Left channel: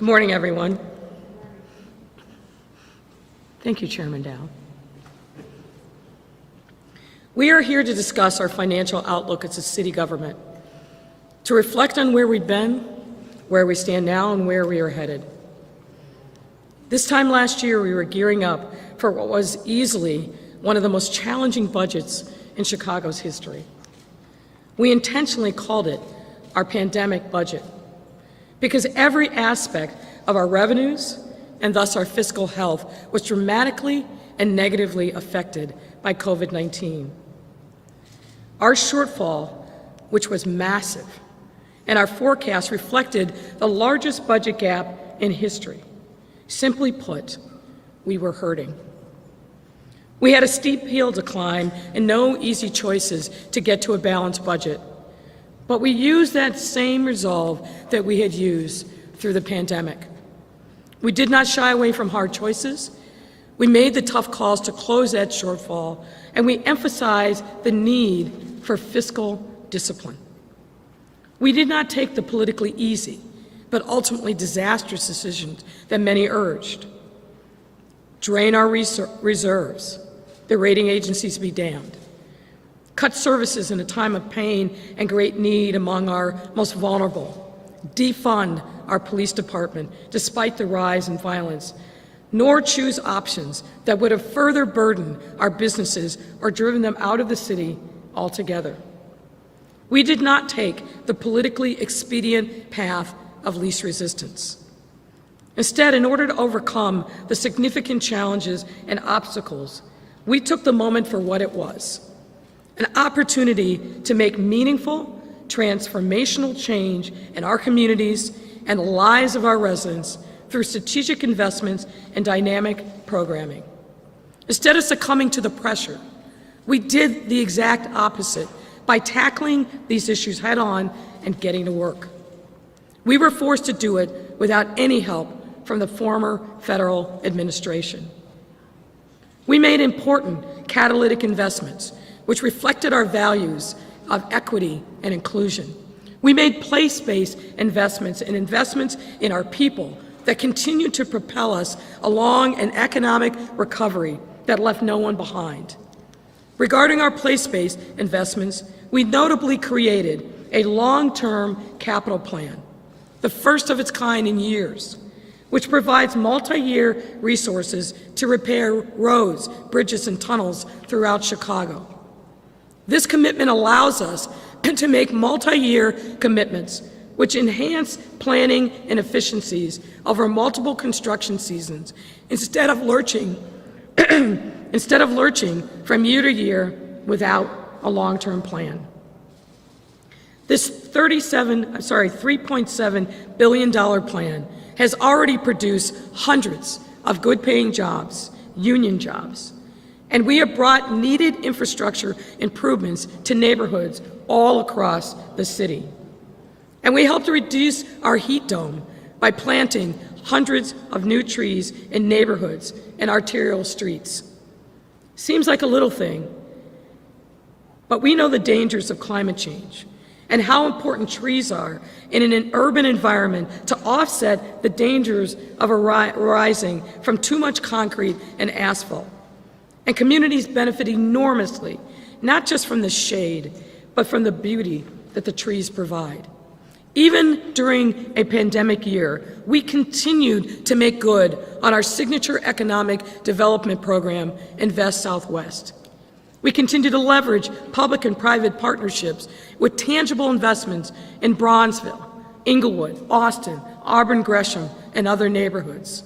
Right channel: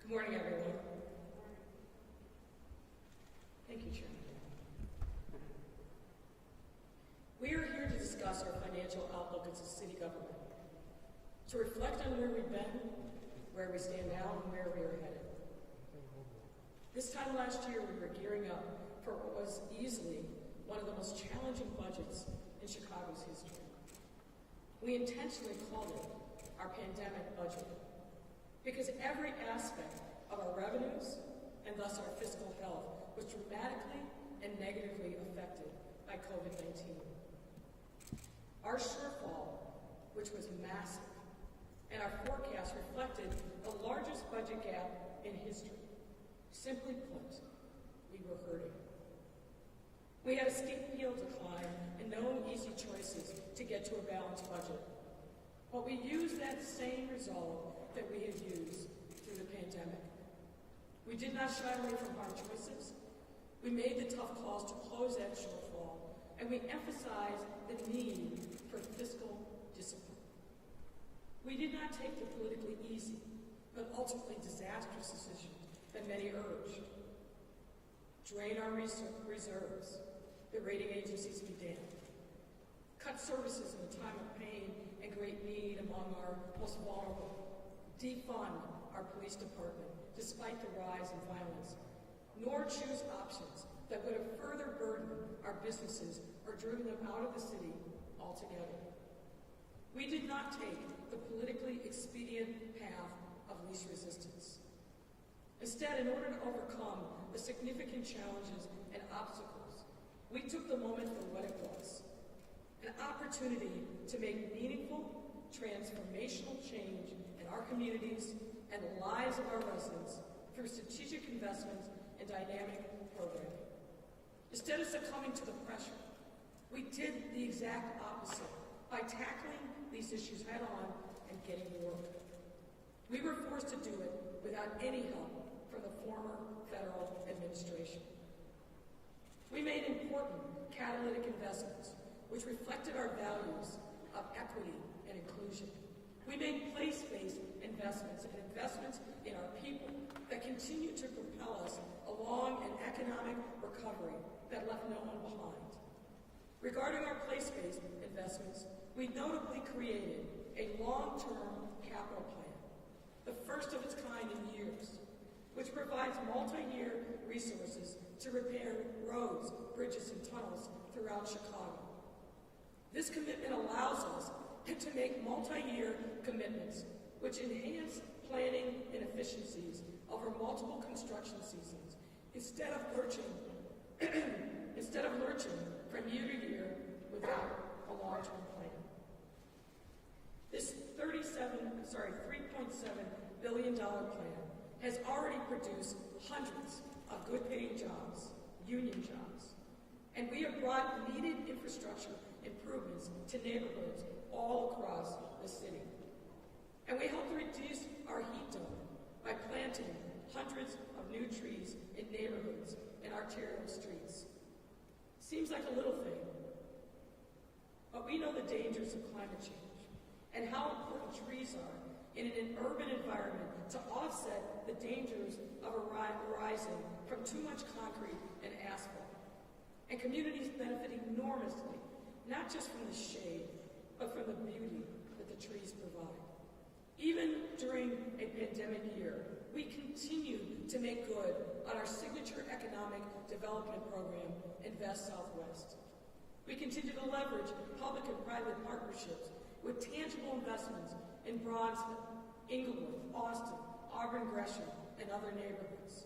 Good morning, everyone. Thank you, Chairman Dow. We are here to discuss our financial outlook as a city government, to reflect on where we've been, where we stand now, and where we are headed. This time last year, we were gearing up for what was easily one of the most challenging budgets in Chicago's history. We intentionally called it our pandemic budget because every aspect of our revenues and thus our fiscal health was dramatically and negatively affected by COVID-19. Our shortfall, which was massive, and our forecast reflected the largest budget gap in history. Simply put, we were hurting. We had a steep hill to climb and no easy choices to get to a balanced budget. But we used that same resolve that we had used through the pandemic. We did not shy away from hard choices. We made the tough calls to close that shortfall, and we emphasized the need for fiscal discipline. We did not take the politically easy, but ultimately disastrous decisions that many urged. Drain our reserves, the rating agencies be damned. Cut services in a time of pain and great need among our most vulnerable. Defund our police department despite the rise in violence, nor choose options that would have further burdened our businesses or driven them out of the city altogether. We did not take the politically expedient path of least resistance. Instead, in order to overcome the significant challenges and obstacles, we took the moment for what it was, an opportunity to make meaningful, transformational change in our communities and the lives of our residents through strategic investments and dynamic programming. Instead of succumbing to the pressure, we did the exact opposite by tackling these issues head-on and getting to work. We were forced to do it without any help from the former federal administration. We made important catalytic investments which reflected our values of equity and inclusion. We made place-based investments and investments in our people that continue to propel us along an economic recovery that left no one behind. Regarding our place-based investments, we notably created a long-term capital plan, the first of its kind in years, which provides multi-year resources to repair roads, bridges, and tunnels throughout Chicago. This commitment allows us to make multi-year commitments which enhance planning and efficiencies over multiple construction seasons instead of lurching from year to year without a long-term plan. This $3.7 billion plan has already produced hundreds of good-paying jobs, union jobs, and we have brought needed infrastructure improvements to neighborhoods all across the city. And we helped to reduce our heat dome by planting hundreds of new trees in neighborhoods and arterial streets. Seems like a little thing, but we know the dangers of climate change and how important trees are in an urban environment to offset the dangers of arising from too much concrete and asphalt. And communities benefit enormously, not just from the shade, but from the beauty that the trees provide. Even during a pandemic year, we continued to make good on our signature economic development program, Invest Southwest. We continue to leverage public and private partnerships with tangible investments in Bronzeville, Inglewood, Austin, Auburn Gresham, and other neighborhoods.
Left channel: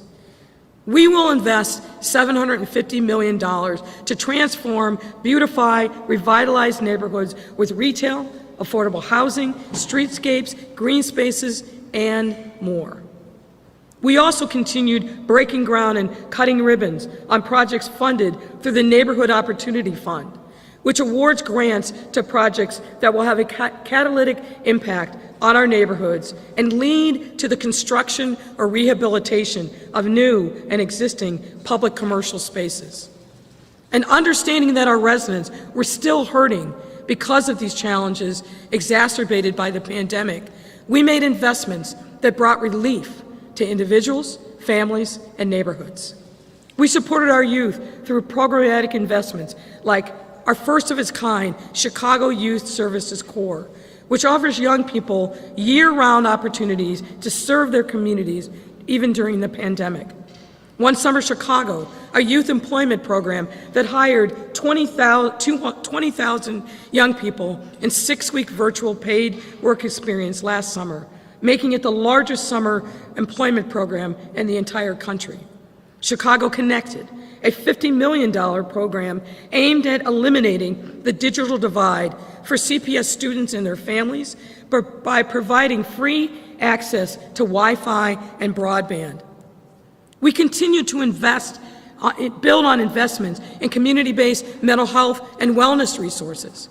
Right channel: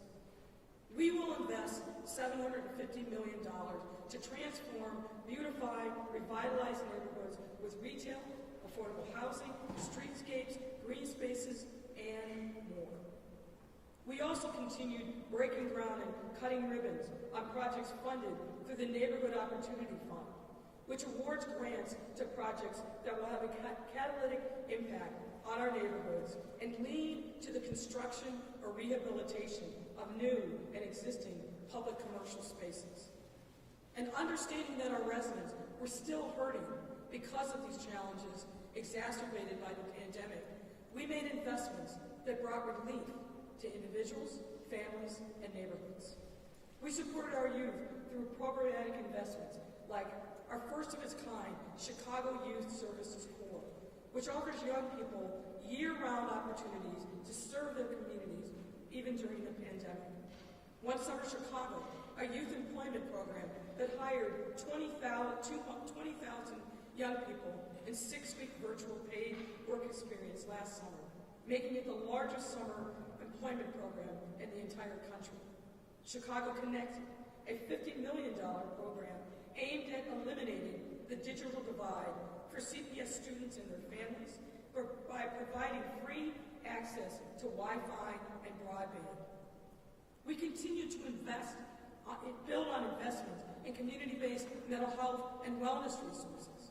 We will invest $750 million to transform, beautify, revitalize neighborhoods with retail, affordable housing, streetscapes, green spaces, and more. We also continued breaking ground and cutting ribbons on projects funded through the Neighborhood Opportunity Fund, which awards grants to projects that will have a catalytic impact on our neighborhoods and lead to the construction or rehabilitation of new and existing public commercial spaces. And understanding that our residents were still hurting because of these challenges exacerbated by the pandemic, we made investments that brought relief to individuals, families, and neighborhoods. We supported our youth through programmatic investments like our first of its kind Chicago Youth Services Corps, which offers young people year-round opportunities to serve their communities even during the pandemic. One Summer Chicago, a youth employment program that hired 20,000 young people in 6-week virtual paid work experience last summer, making it the largest summer employment program in the entire country. Chicago Connected, a $50 million program aimed at eliminating the digital divide for CPS students and their families by providing free access to Wi-Fi and broadband. We continue to build on investments in community-based mental health and wellness resources.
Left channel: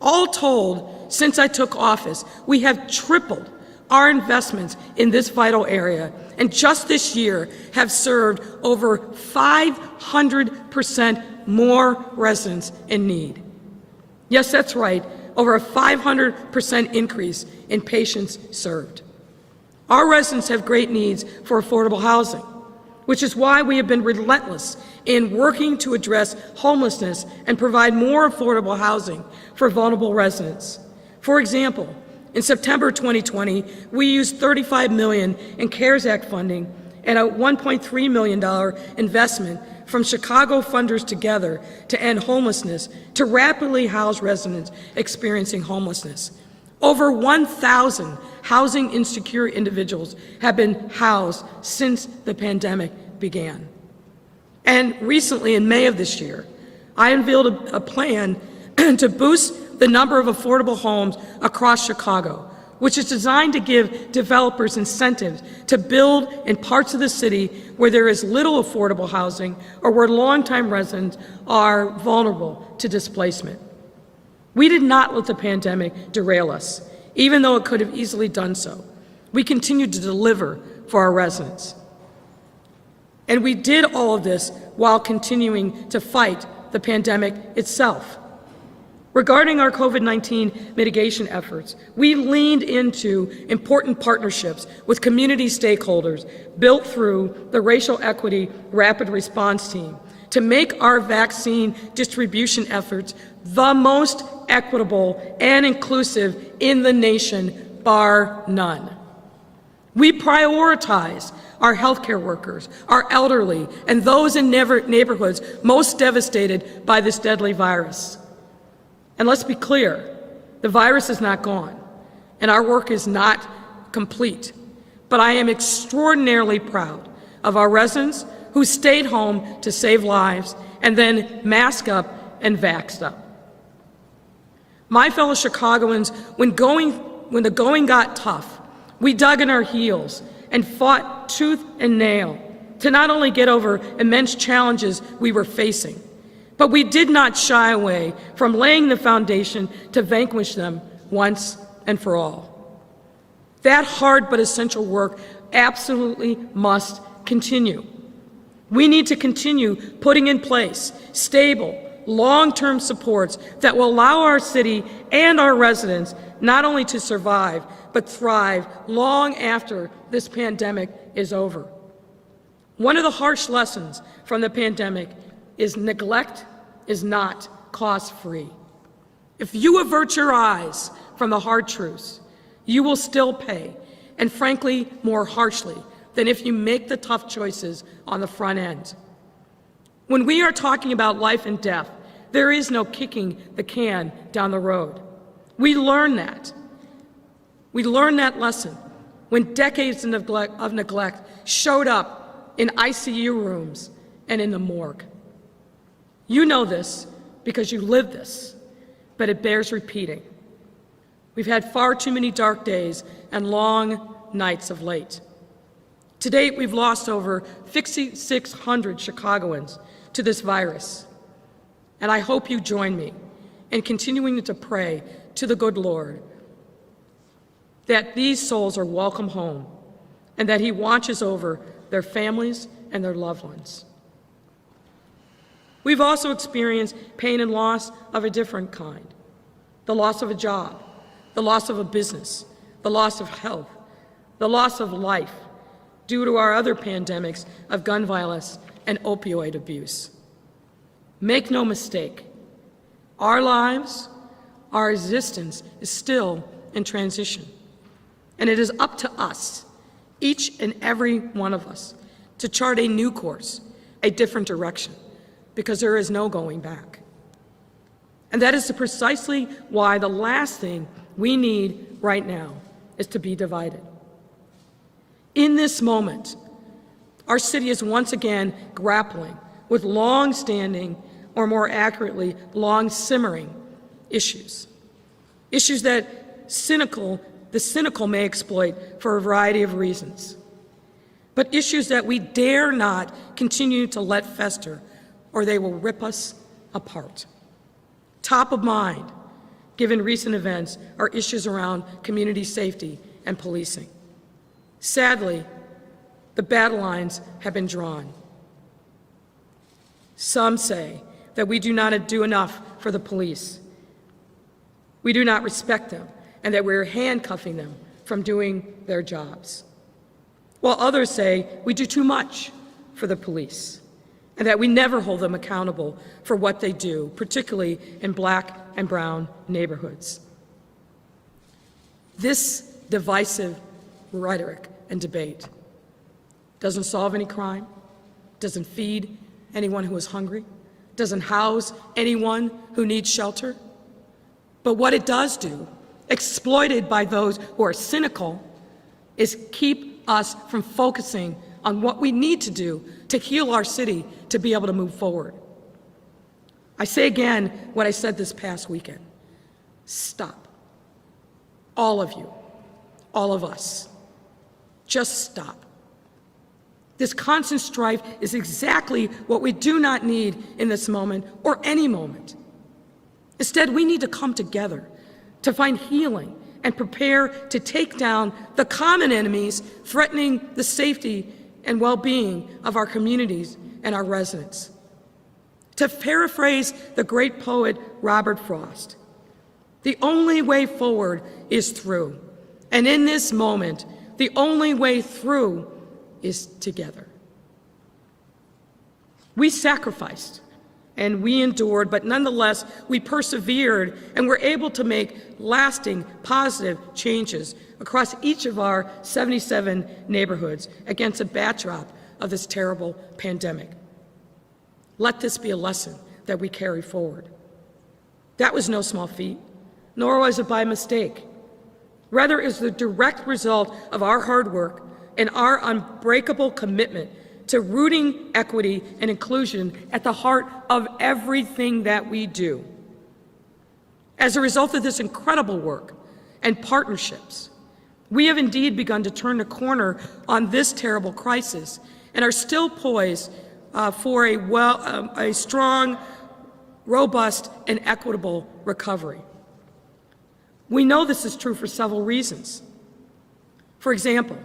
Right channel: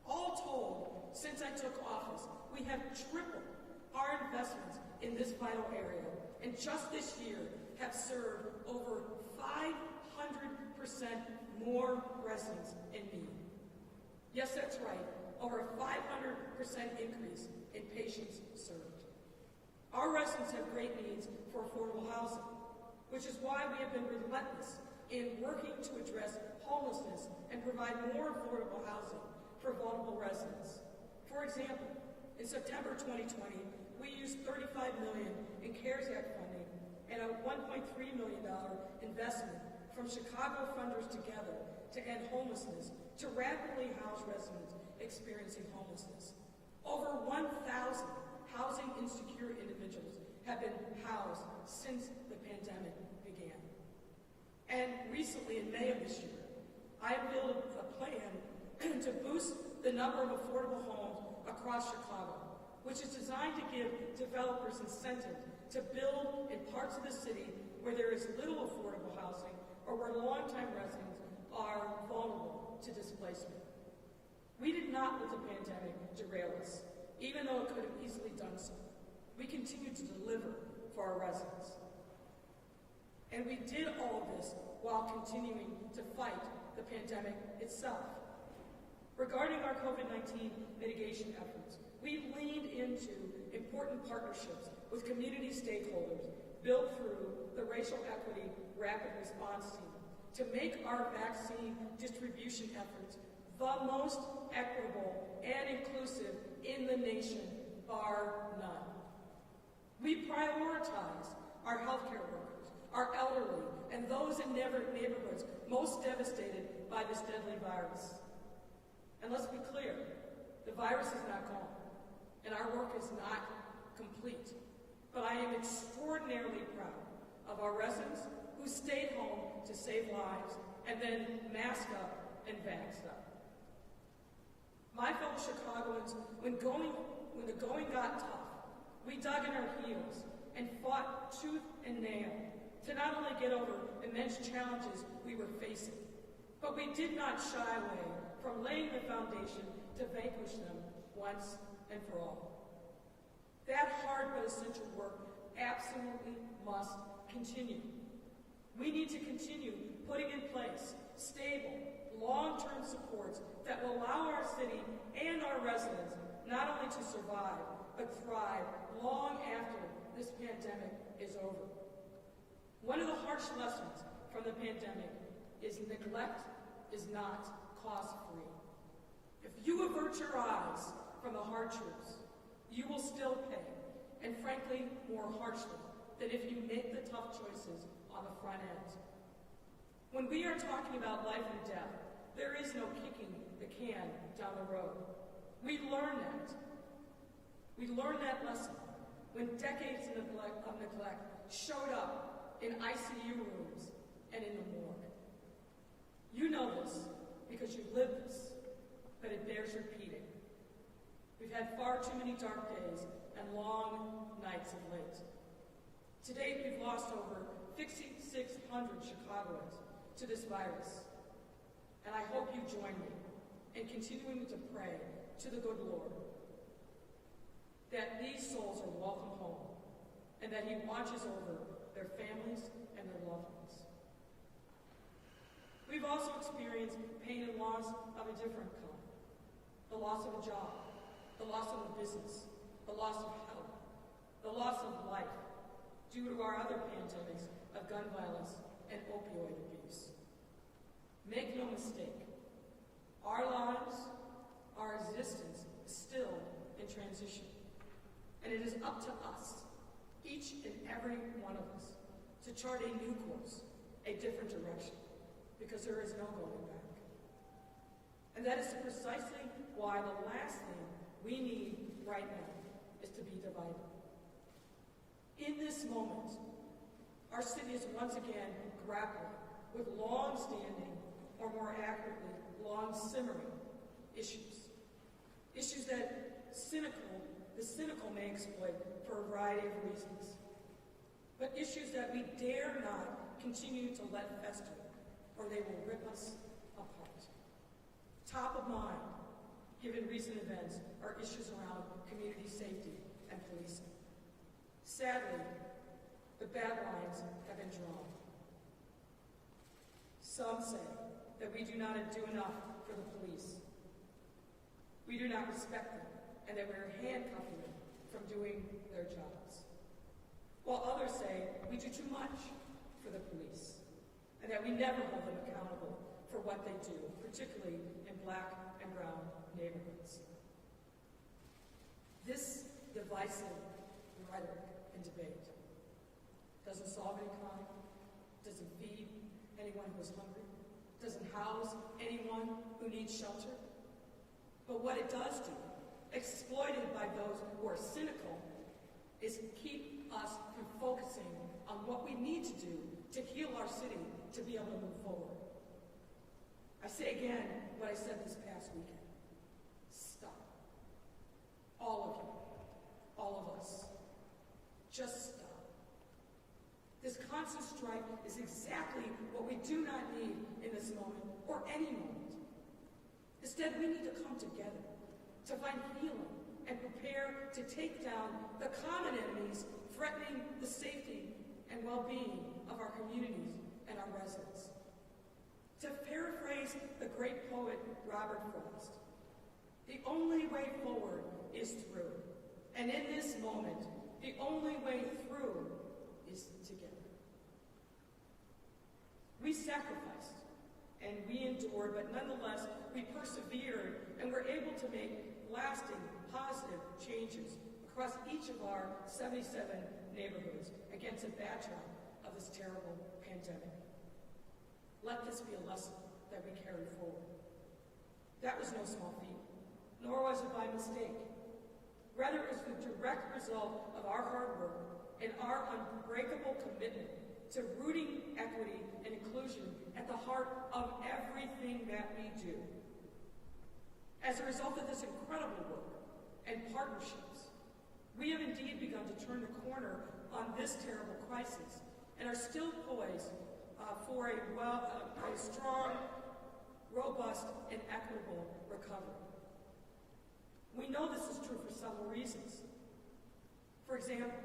All told, since I took office, we have tripled our investments in this vital area, and just this year have served over 500% more residents in need. Yes, that's right, over a 500% increase in patients served. Our residents have great needs for affordable housing, which is why we have been relentless in working to address homelessness and provide more affordable housing for vulnerable residents. For example, in September 2020, we used $35 million in CARES Act funding and a $1.3 million investment from Chicago funders together to end homelessness to rapidly house residents experiencing homelessness. Over 1,000 housing insecure individuals have been housed since the pandemic began. And recently, in May of this year, I unveiled a plan to boost the number of affordable homes across Chicago, which is designed to give developers incentives to build in parts of the city where there is little affordable housing or where longtime residents are vulnerable to displacement. We did not let the pandemic derail us, even though it could have easily done so. We continued to deliver for our residents. And we did all of this while continuing to fight the pandemic itself. Regarding our COVID-19 mitigation efforts, we leaned into important partnerships with community stakeholders built through the Racial Equity Rapid Response Team to make our vaccine distribution efforts the most equitable and inclusive in the nation, bar none. We prioritize our healthcare workers, our elderly, and those in neighborhoods most devastated by this deadly virus. And let's be clear, the virus is not gone, and our work is not complete. But I am extraordinarily proud of our residents who stayed home to save lives and then masked up and vaxxed up. My fellow Chicagoans, when the going got tough, we dug in our heels and fought tooth and nail to not only get over immense challenges we were facing, but we did not shy away from laying the foundation to vanquish them once and for all. That hard but essential work absolutely must continue. We need to continue putting in place stable, long-term supports that will allow our city and our residents not only to survive, but thrive long after this pandemic is over. One of the harsh lessons from the pandemic is neglect is not cost-free. If you avert your eyes from the hard truths, you will still pay, and frankly, more harshly than if you make the tough choices on the front end. When we are talking about life and death, there is no kicking the can down the road. We learned that. We learned that lesson when decades of neglect showed up in ICU rooms and in the morgue. You know this because you live this, but it bears repeating. We've had far too many dark days and long nights of late. To date, we've lost over 5,600 Chicagoans to this virus, and I hope you join me in continuing to pray to the good Lord that these souls are welcome home and that He watches over their families and their loved ones. We've also experienced pain and loss of a different kind. The loss of a job, the loss of a business, the loss of health, the loss of life due to our other pandemics of gun violence and opioid abuse. Make no mistake, our lives, our existence is still in transition. And it is up to us, each and every one of us, to chart a new course, a different direction, because there is no going back. And that is precisely why the last thing we need right now is to be divided. In this moment, our city is once again grappling with long-standing, or more accurately, long-simmering issues. Issues that the cynical may exploit for a variety of reasons, but issues that we dare not continue to let fester, or they will rip us apart. Top of mind, given recent events, are issues around community safety and policing. Sadly, the battle lines have been drawn. Some say that we do not do enough for the police. We do not respect them, and that we're handcuffing them from doing their jobs. While others say we do too much for the police, and that we never hold them accountable for what they do, particularly in Black and brown neighborhoods. This divisive rhetoric and debate doesn't solve any crime, doesn't feed anyone who is hungry, doesn't house anyone who needs shelter. But what it does do, exploited by those who are cynical, is keep us from focusing on what we need to do to heal our city to be able to move forward. I say again what I said this past weekend. Stop. All of you, all of us. Just stop. This constant strife is exactly what we do not need in this moment or any moment. Instead, we need to come together to find healing and prepare to take down the common enemies threatening the safety and well-being of our communities and our residents. To paraphrase the great poet Robert Frost, the only way forward is through. And in this moment, the only way through is together. We sacrificed and we endured, but nonetheless, we persevered and were able to make lasting, positive changes across each of our 77 neighborhoods against a backdrop of this terrible pandemic. Let this be a lesson that we carry forward. That was no small feat, nor was it by mistake. Rather, it is the direct result of our hard work and our unbreakable commitment to rooting equity and inclusion at the heart of everything that we do. As a result of this incredible work and partnerships, we have indeed begun to turn the corner on this terrible crisis and are still poised for a strong, robust, and equitable recovery. We know this is true for several reasons. For example,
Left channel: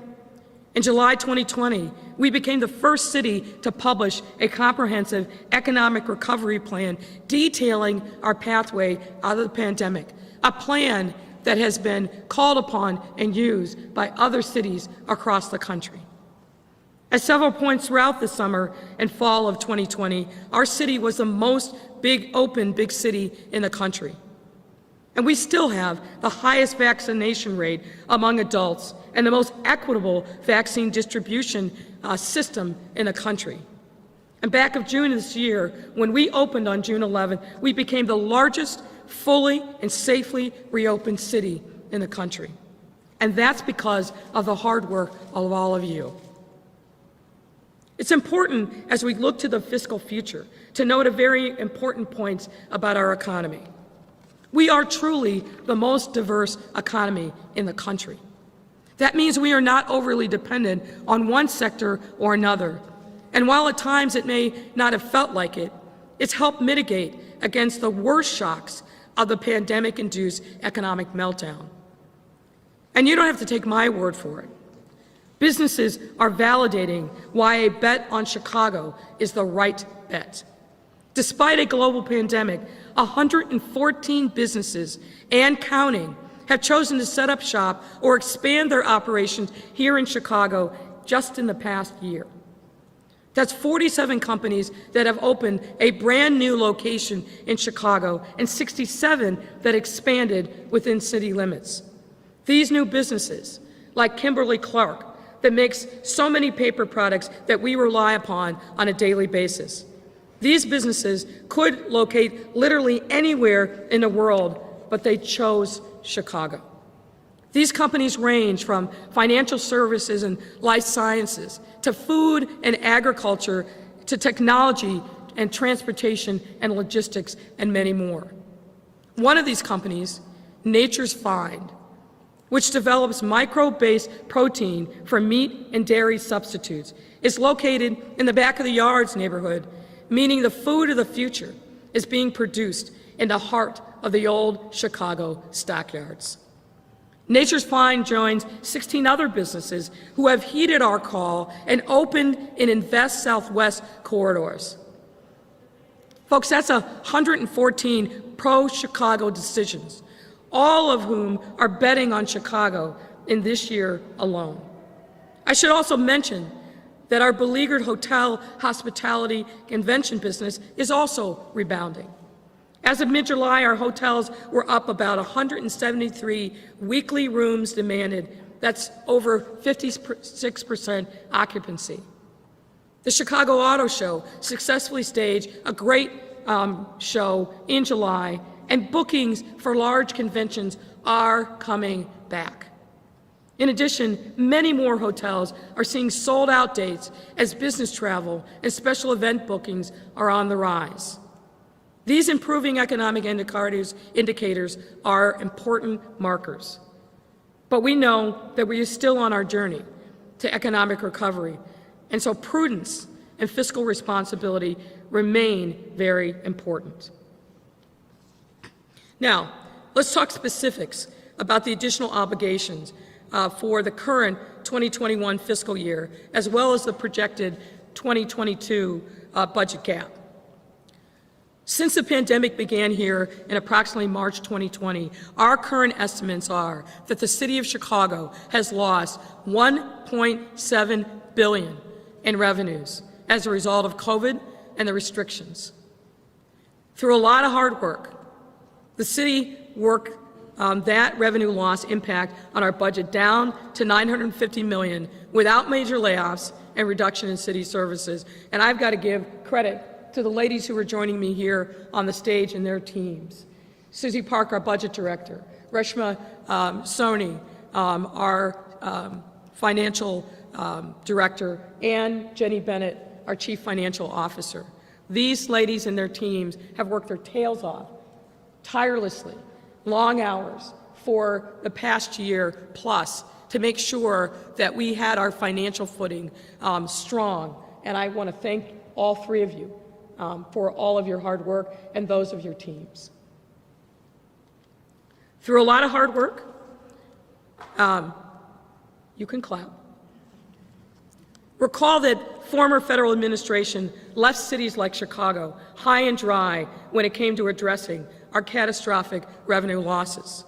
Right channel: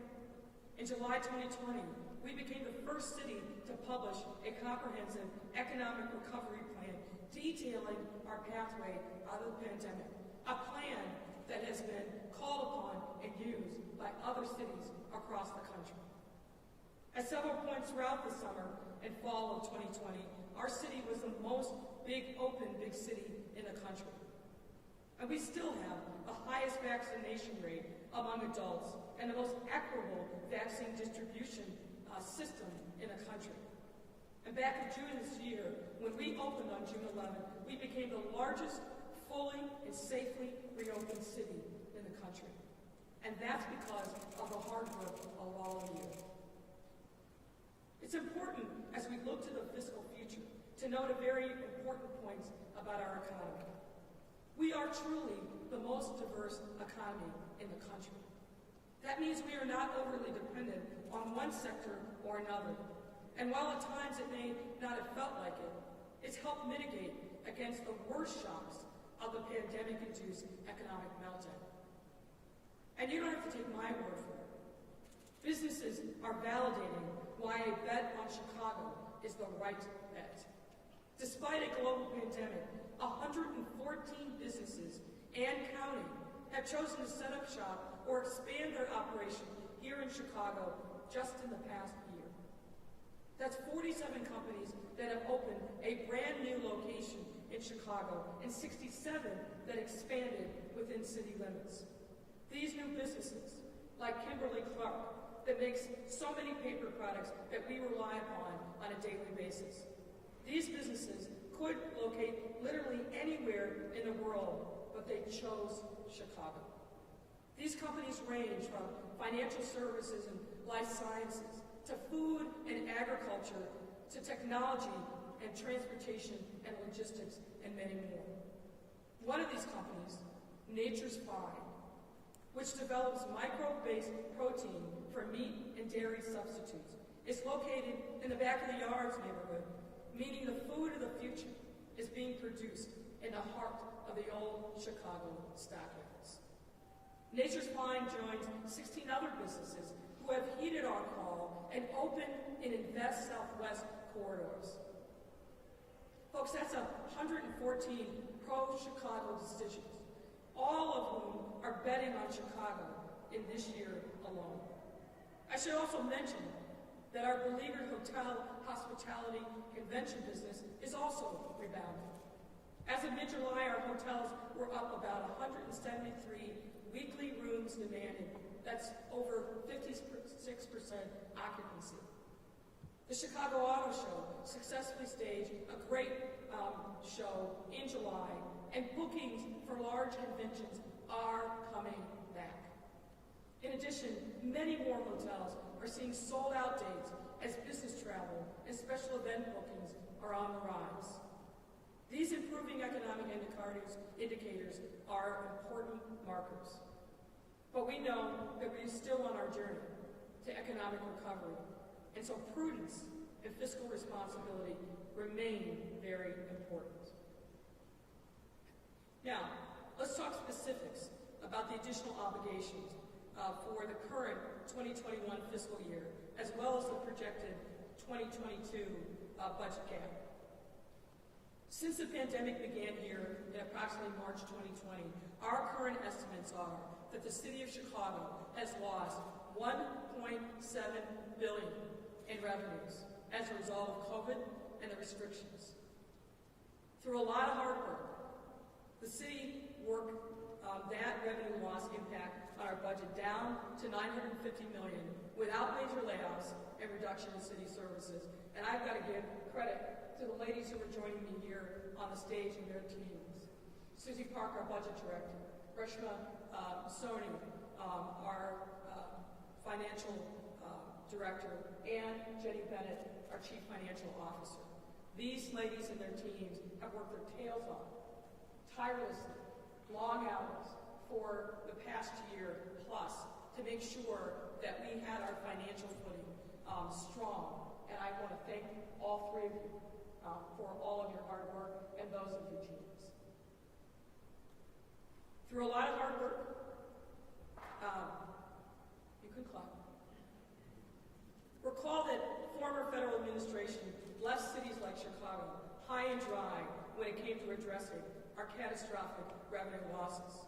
in July 2020, we became the first city to publish a comprehensive economic recovery plan detailing our pathway out of the pandemic, a plan that has been called upon and used by other cities across the country. At several points throughout the summer and fall of 2020, our city was the most open big city in the country. And we still have the highest vaccination rate among adults and the most equitable vaccine distribution system in the country. And back of June of this year, when we opened on June 11th, we became the largest fully and safely reopened city in the country. And that's because of the hard work of all of you. It's important as we look to the fiscal future to note a very important point about our economy. We are truly the most diverse economy in the country. That means we are not overly dependent on one sector or another. And while at times it may not have felt like it, it's helped mitigate against the worst shocks of the pandemic-induced economic meltdown. And you don't have to take my word for it. Businesses are validating why a bet on Chicago is the right bet. Despite a global pandemic, 114 businesses and counting have chosen to set up shop or expand their operations here in Chicago just in the past year. That's 47 companies that have opened a brand new location in Chicago and 67 that expanded within city limits. These new businesses, like Kimberly-Clark, that makes so many paper products that we rely upon on a daily basis. These businesses could locate literally anywhere in the world, but they chose Chicago. These companies range from financial services and life sciences to food and agriculture to technology and transportation and logistics and many more. One of these companies, Nature's Find, which develops microbe-based protein for meat and dairy substitutes, is located in the back of the yards neighborhood, meaning the food of the future is being produced in the heart of the old Chicago stockyards. Nature's Find joins 16 other businesses who have heeded our call and opened in Invest Southwest corridors. Folks, that's 114 pro-Chicago decisions, all of whom are betting on Chicago in this year alone. I should also mention that our beleaguered hotel, hospitality, convention business is also rebounding. As of mid-July, our hotels were up about 173 weekly rooms demanded. That's over 56% occupancy. The Chicago Auto Show successfully staged a great show in July, and bookings for large conventions are coming back. In addition, many more hotels are seeing sold-out dates as business travel and special event bookings are on the rise. These improving economic indicators are important markers. But we know that we are still on our journey to economic recovery, and so prudence and fiscal responsibility remain very important. Now, let's talk specifics about the additional obligations for the current 2021 fiscal year, as well as the projected 2022 budget gap. Since the pandemic began here in approximately March 2020, our current estimates are that the City of Chicago has lost $1.7 billion in revenues as a result of COVID and the restrictions. Through a lot of hard work, the city worked that revenue loss impact on our budget down to $950 million without major layoffs and reduction in city services. And I've got to give credit to the ladies who are joining me here on the stage and their teams. Susie Park, our budget director, Reshma Soni, our financial director, and Jenny Bennett, our chief financial officer. These ladies and their teams have worked their tails off, tirelessly, long hours for the past year plus to make sure that we had our financial footing strong. And I want to thank all three of you for all of your hard work and those of your teams. Through a lot of hard work, you can clap. Recall that former federal administration left cities like Chicago high and dry when it came to addressing our catastrophic revenue losses.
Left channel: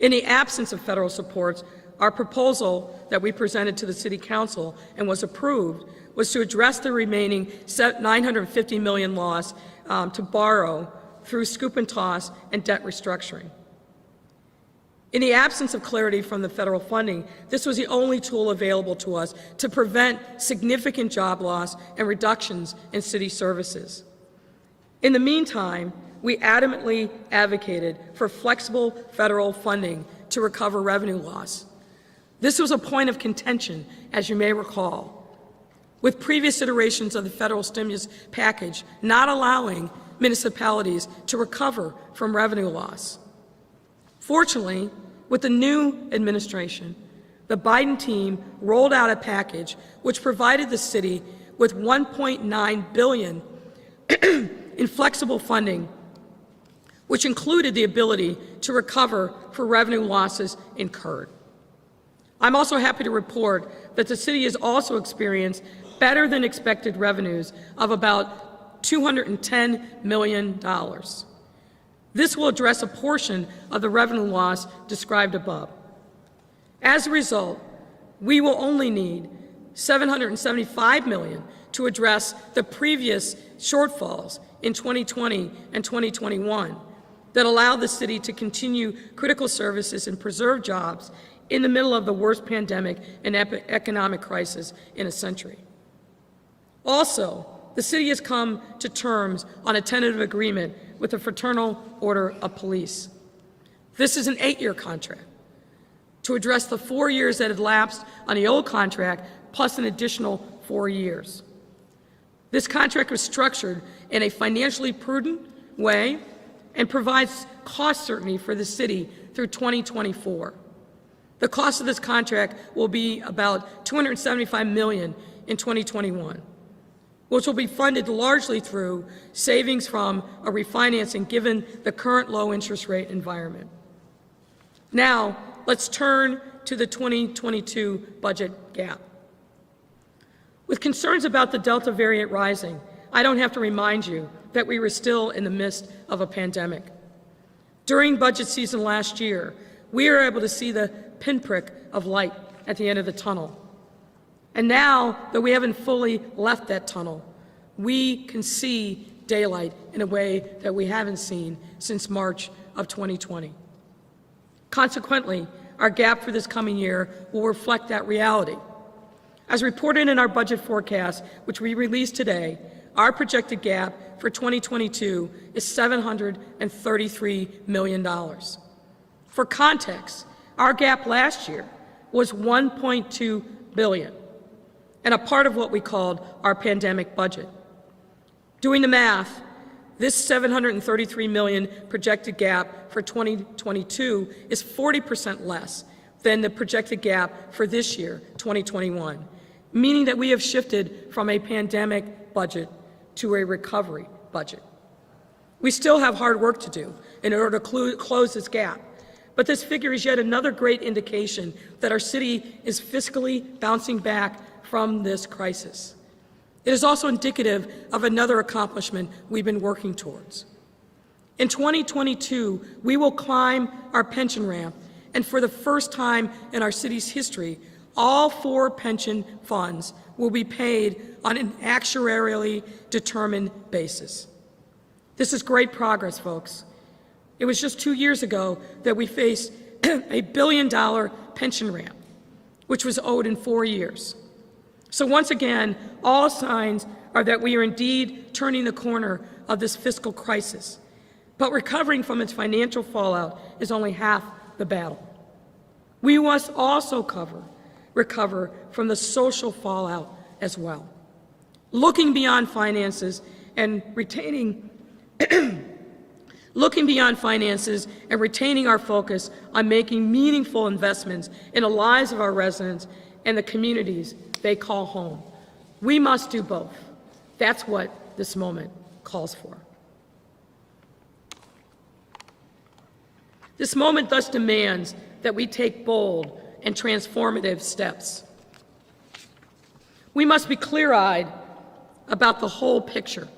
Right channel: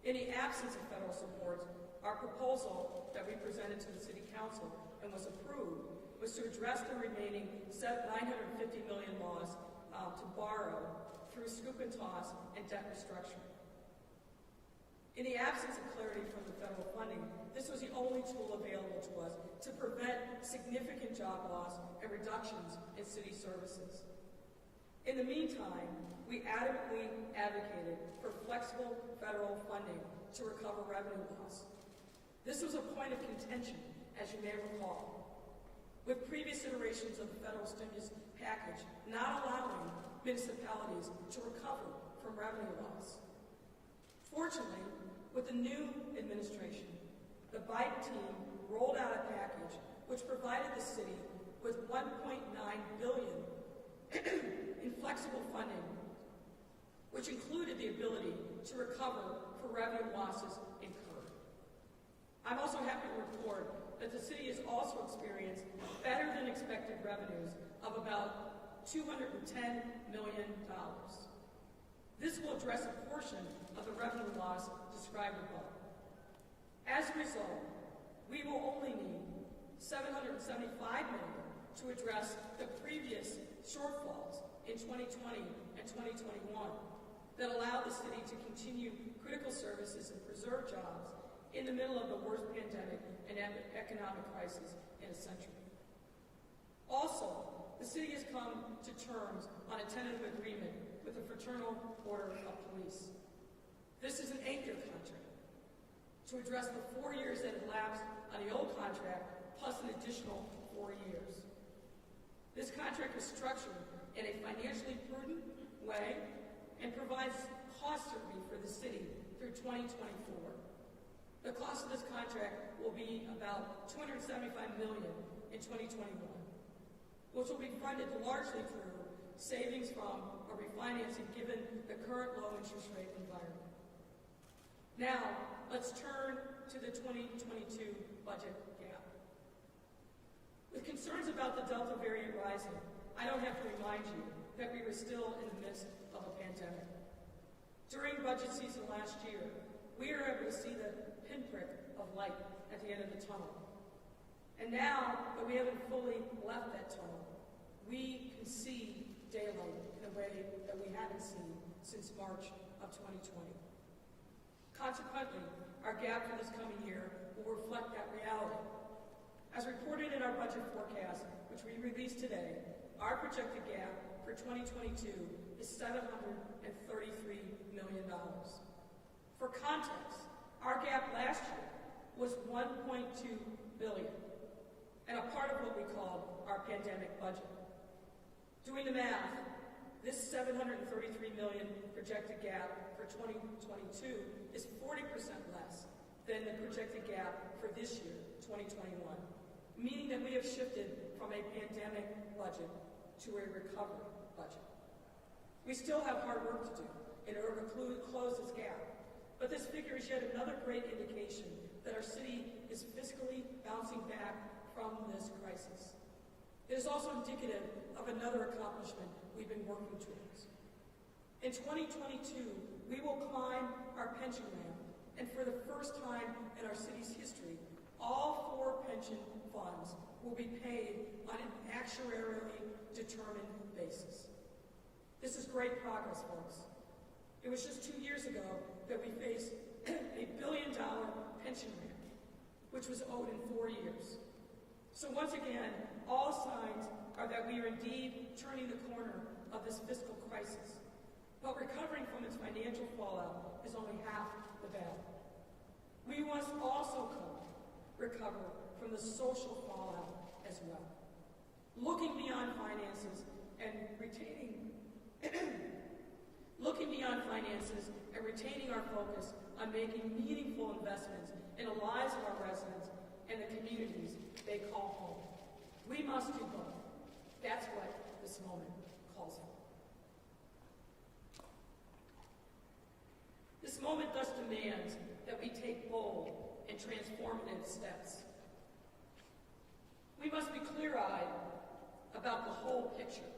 In the absence of federal supports, our proposal that we presented to the City Council and was approved was to address the remaining $950 million loss to borrow through scoop and toss and debt restructuring. In the absence of clarity from the federal funding, this was the only tool available to us to prevent significant job loss and reductions in city services. In the meantime, we adamantly advocated for flexible federal funding to recover revenue loss. This was a point of contention, as you may recall, with previous iterations of the federal stimulus package not allowing municipalities to recover from revenue loss. Fortunately, with the new administration, the Biden team rolled out a package which provided the city with $1.9 billion in flexible funding, which included the ability to recover for revenue losses incurred. I'm also happy to report that the city has also experienced better than expected revenues of about $210 million. This will address a portion of the revenue loss described above. As a result, we will only need $775 million to address the previous shortfalls in 2020 and 2021 that allowed the city to continue critical services and preserve jobs in the middle of the worst pandemic and economic crisis in a century. Also, the city has come to terms on a tentative agreement with the Fraternal Order of Police. This is an 8-year contract to address the 4 years that had lapsed on the old contract, plus an additional 4 years. This contract was structured in a financially prudent way and provides cost certainty for the city through 2024. The cost of this contract will be about $275 million in 2021, which will be funded largely through savings from a refinancing given the current low interest rate environment. Now, let's turn to the 2022 budget gap. With concerns about the Delta variant rising, I don't have to remind you that we were still in the midst of a pandemic. During budget season last year, we were able to see the pinprick of light at the end of the tunnel. And now that we haven't fully left that tunnel, we can see daylight in a way that we haven't seen since March of 2020. Consequently, our gap for this coming year will reflect that reality. As reported in our budget forecast, which we released today, our projected gap for 2022 is $733 million. For context, our gap last year was $1.2 billion, and a part of what we called our pandemic budget. Doing the math, this $733 million projected gap for 2022 is 40% less than the projected gap for this year, 2021, meaning that we have shifted from a pandemic budget to a recovery budget. We still have hard work to do in order to close this gap, but this figure is yet another great indication that our city is fiscally bouncing back from this crisis. It is also indicative of another accomplishment we've been working towards. In 2022, we will climb our pension ramp, and for the first time in our city's history, all 4 pension funds will be paid on an actuarially determined basis. This is great progress, folks. It was just 2 years ago that we faced a $1 billion pension ramp, which was owed in 4 years. So once again, all signs are that we are indeed turning the corner of this fiscal crisis, but recovering from its financial fallout is only half the battle. We must also recover from the social fallout as well. Looking beyond finances and retaining our focus on making meaningful investments in the lives of our residents and the communities they call home. We must do both. That's what this moment calls for. This moment thus demands that we take bold and transformative steps. We must be clear-eyed about the whole picture,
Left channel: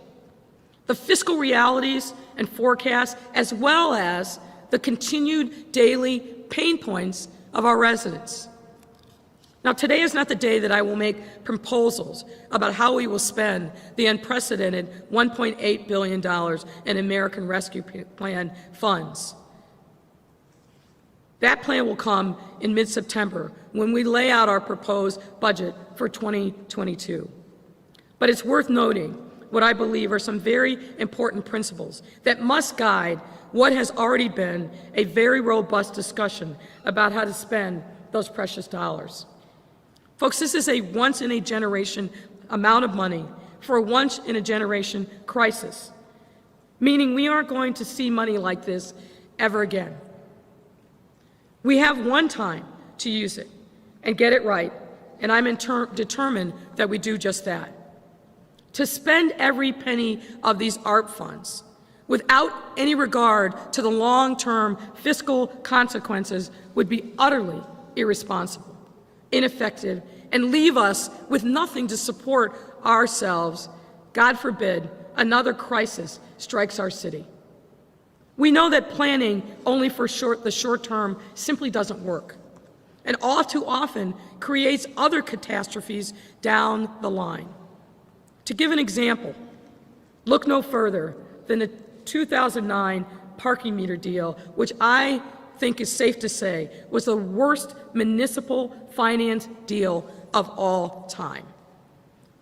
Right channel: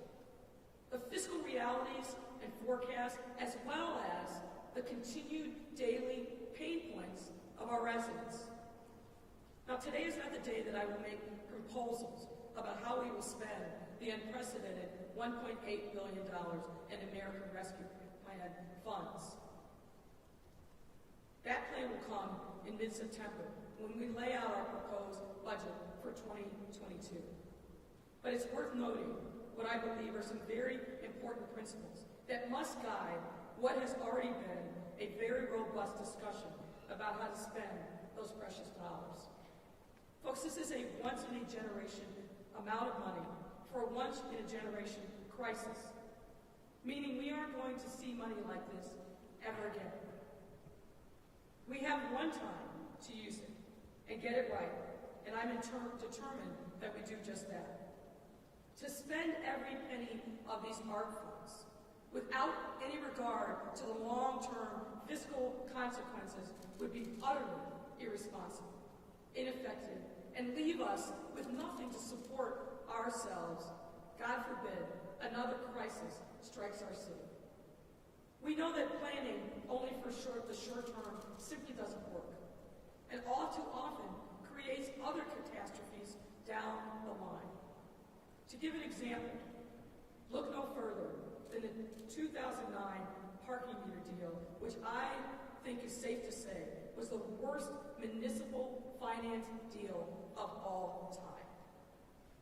the fiscal realities and forecasts, as well as the continued daily pain points of our residents. Now, today is not the day that I will make proposals about how we will spend the unprecedented $1.8 billion in American Rescue Plan funds. That plan will come in mid-September when we lay out our proposed budget for 2022. But it's worth noting what I believe are some very important principles that must guide what has already been a very robust discussion about how to spend those precious dollars. Folks, this is a once-in-a-generation amount of money for a once-in-a-generation crisis, meaning we aren't going to see money like this ever again. We have one time to use it and get it right, and I'm determined that we do just that. To spend every penny of these ARP funds without any regard to the long-term fiscal consequences would be utterly irresponsible, ineffective, and leave us with nothing to support ourselves. God forbid another crisis strikes our city. We know that planning only for the short term simply doesn't work. And all too often, creates other catastrophes down the line. To give an example, look no further than the 2009 parking meter deal, which I think is safe to say was the worst municipal finance deal of all time.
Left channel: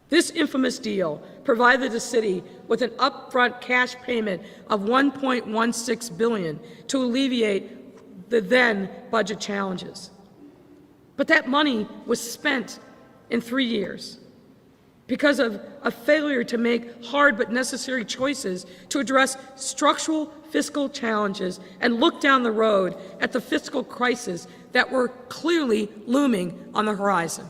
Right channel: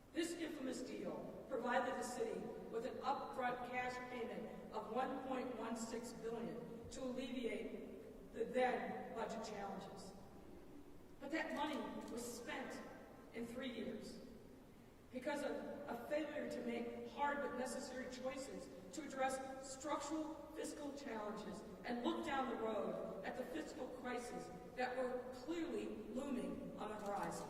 This infamous deal provided the city with an upfront cash payment of $1.16 billion to alleviate the then budget challenges. But that money was spent in 3 years because of a failure to make hard but necessary choices to address structural fiscal challenges and look down the road at the fiscal crisis that were clearly looming on the horizon.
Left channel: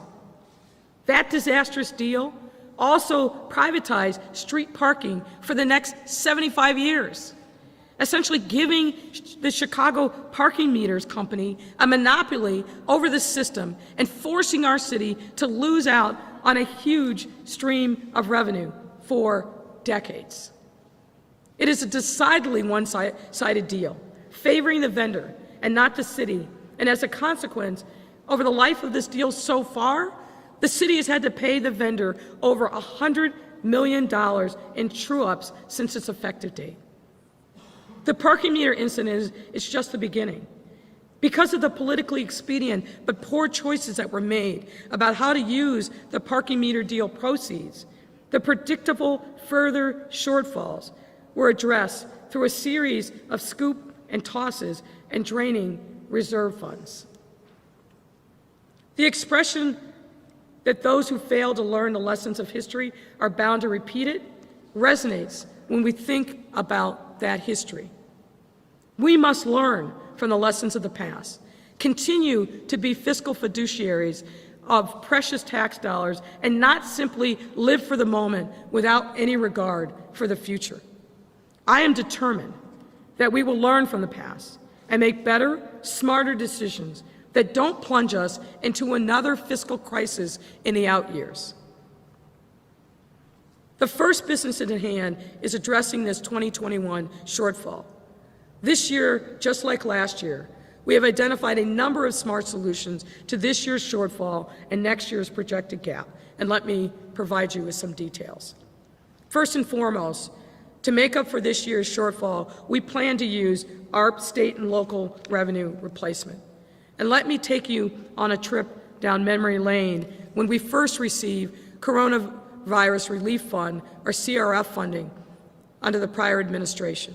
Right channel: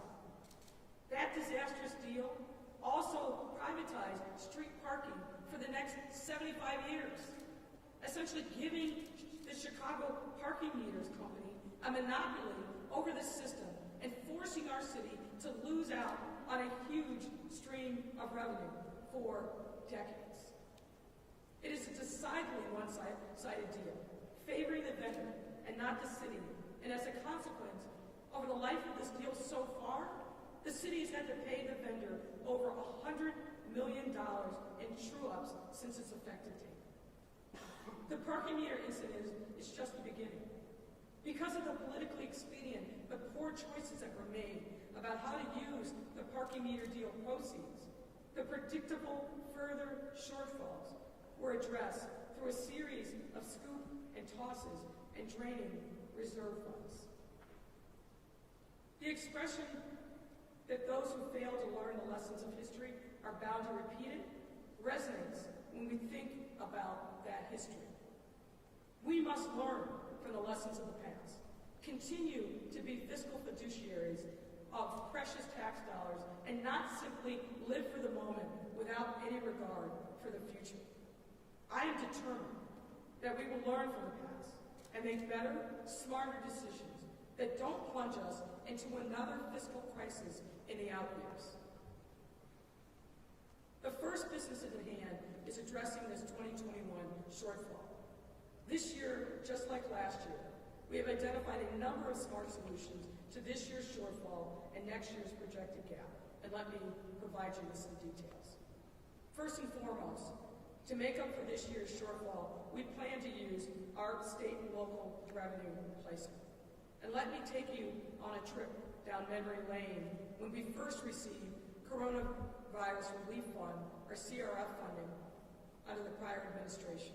That disastrous deal also privatized street parking for the next 75 years, essentially giving the Chicago Parking Meters Company a monopoly over the system and forcing our city to lose out on a huge stream of revenue for decades. It is a decidedly one-sided deal, favoring the vendor and not the city, and as a consequence, over the life of this deal so far, the city has had to pay the vendor over $100 million in true-ups since its effective date. The parking meter incident is just the beginning. Because of the politically expedient but poor choices that were made about how to use the parking meter deal proceeds, the predictable further shortfalls were addressed through a series of scoop and tosses and draining reserve funds. The expression that those who fail to learn the lessons of history are bound to repeat it resonates when we think about that history. We must learn from the lessons of the past, continue to be fiscal fiduciaries of precious tax dollars, and not simply live for the moment without any regard for the future. I am determined that we will learn from the past and make better, smarter decisions that don't plunge us into another fiscal crisis in the out years. The first business at hand is addressing this 2021 shortfall. This year, just like last year, we have identified a number of smart solutions to this year's shortfall and next year's projected gap, and let me provide you with some details. First and foremost, to make up for this year's shortfall, we plan to use ARP state and local revenue replacement. And let me take you on a trip down memory lane when we first received Coronavirus Relief Fund, or CRF funding, under the prior administration.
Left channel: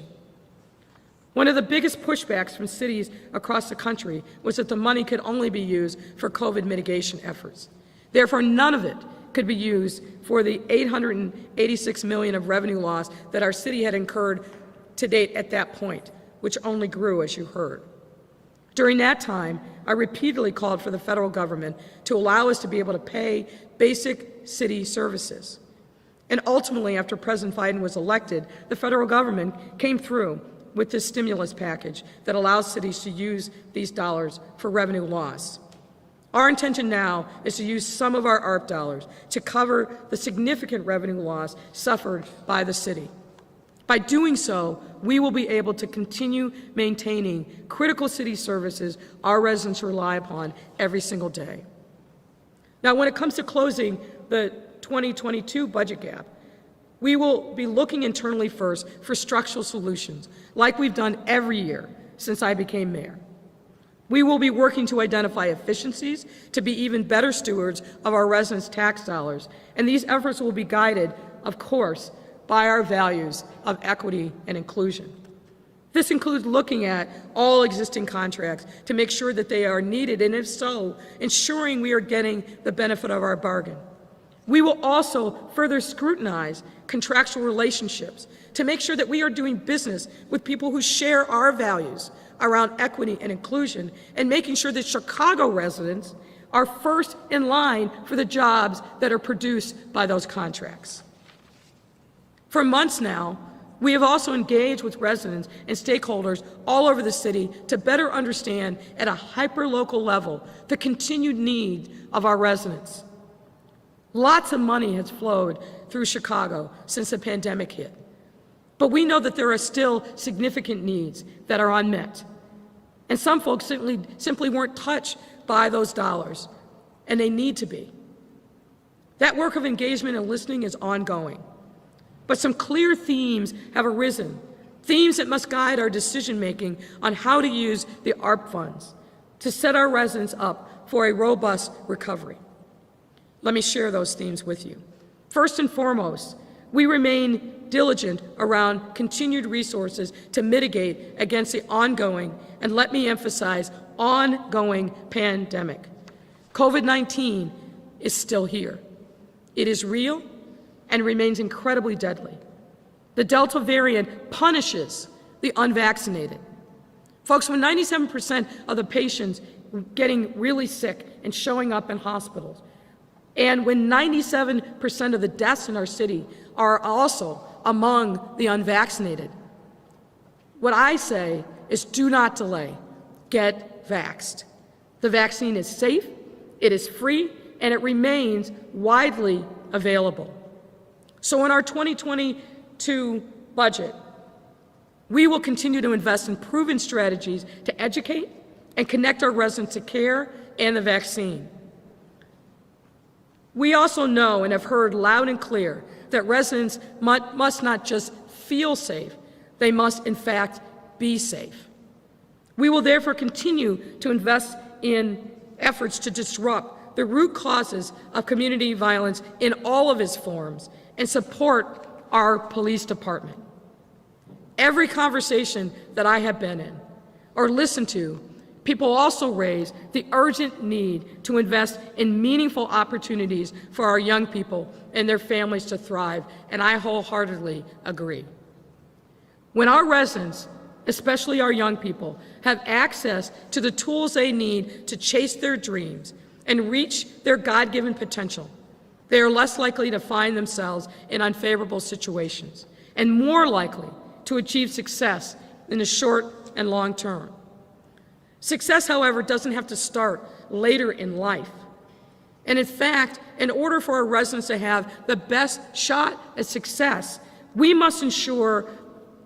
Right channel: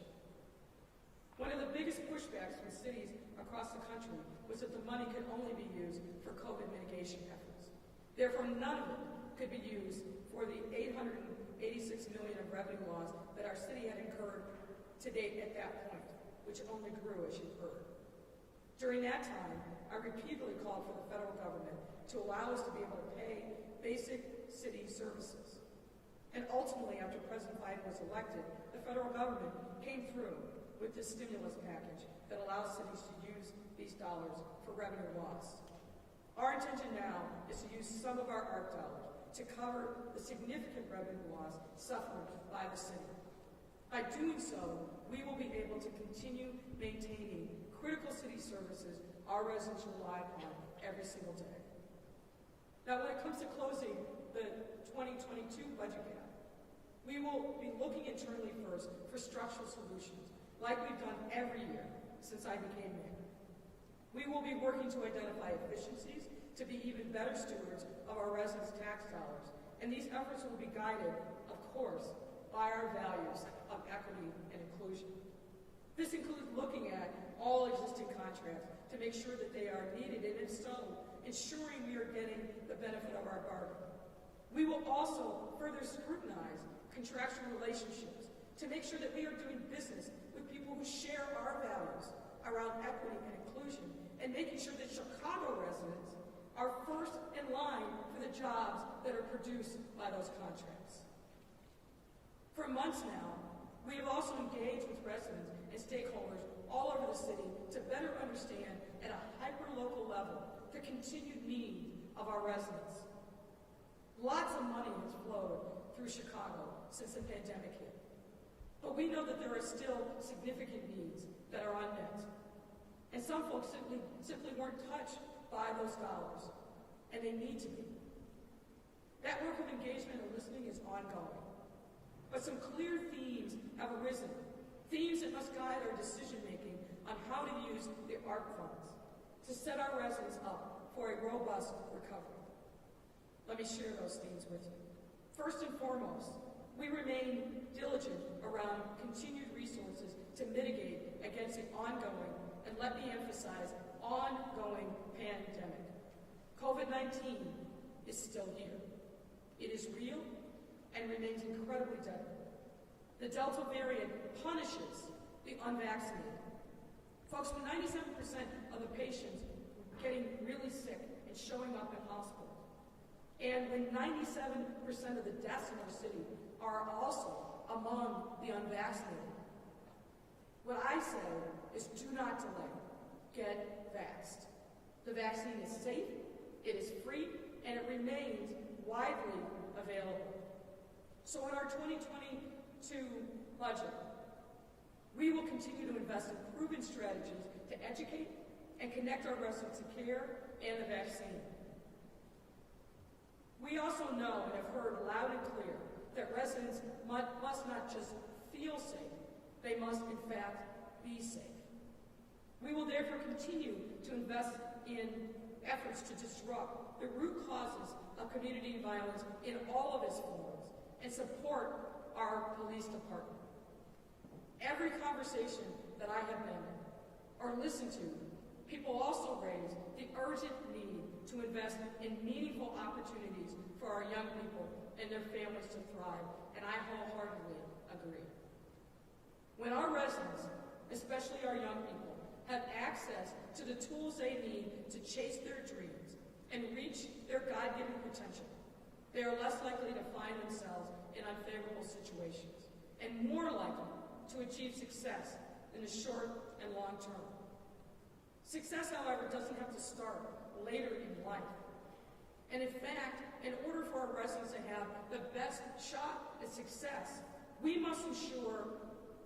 One of the biggest pushbacks from cities across the country was that the money could only be used for COVID mitigation efforts. Therefore, none of it could be used for the $886 million of revenue loss that our city had incurred to date at that point, which only grew, as you heard. During that time, I repeatedly called for the federal government to allow us to be able to pay basic city services. And ultimately, after President Biden was elected, the federal government came through with this stimulus package that allows cities to use these dollars for revenue loss. Our intention now is to use some of our ARP dollars to cover the significant revenue loss suffered by the city. By doing so, we will be able to continue maintaining critical city services our residents rely upon every single day. Now, when it comes to closing the 2022 budget gap, we will be looking internally first for structural solutions, like we've done every year since I became mayor. We will be working to identify efficiencies to be even better stewards of our residents' tax dollars, and these efforts will be guided, of course, by our values of equity and inclusion. This includes looking at all existing contracts to make sure that they are needed, and if so, ensuring we are getting the benefit of our bargain. We will also further scrutinize contractual relationships to make sure that we are doing business with people who share our values around equity and inclusion, and making sure that Chicago residents are first in line for the jobs that are produced by those contracts. For months now, we have also engaged with residents and stakeholders all over the city to better understand at a hyper-local level the continued need of our residents. Lots of money has flowed through Chicago since the pandemic hit, but we know that there are still significant needs that are unmet, and some folks simply weren't touched by those dollars. and they need to be. That work of engagement and listening is ongoing. But some clear themes have arisen, themes that must guide our decision-making on how to use the ARP funds to set our residents up for a robust recovery. Let me share those themes with you. First and foremost, we remain diligent around continued resources to mitigate against the ongoing, and let me emphasize, ongoing pandemic. COVID-19 is still here. It is real and remains incredibly deadly. The Delta variant punishes the unvaccinated. Folks, when 97% of the patients getting really sick and showing up in hospitals, and when 97% of the deaths in our city are also among the unvaccinated, what I say is do not delay. Get vaxxed. The vaccine is safe, it is free, and it remains widely available. So in our 2022 budget, we will continue to invest in proven strategies to educate and connect our residents to care and the vaccine. We also know and have heard loud and clear that residents must not just feel safe, they must in fact be safe. We will therefore continue to invest in efforts to disrupt the root causes of community violence in all of its forms and support our police department. Every conversation that I have been in or listened to, people also raise the urgent need to invest in meaningful opportunities for our young people and their families to thrive, and I wholeheartedly agree. When our residents, especially our young people, have access to the tools they need to chase their dreams and reach their God-given potential, they are less likely to find themselves in unfavorable situations and more likely to achieve success in the short and long term. Success, however, doesn't have to start later in life. And in fact, in order for our residents to have the best shot at success, we must ensure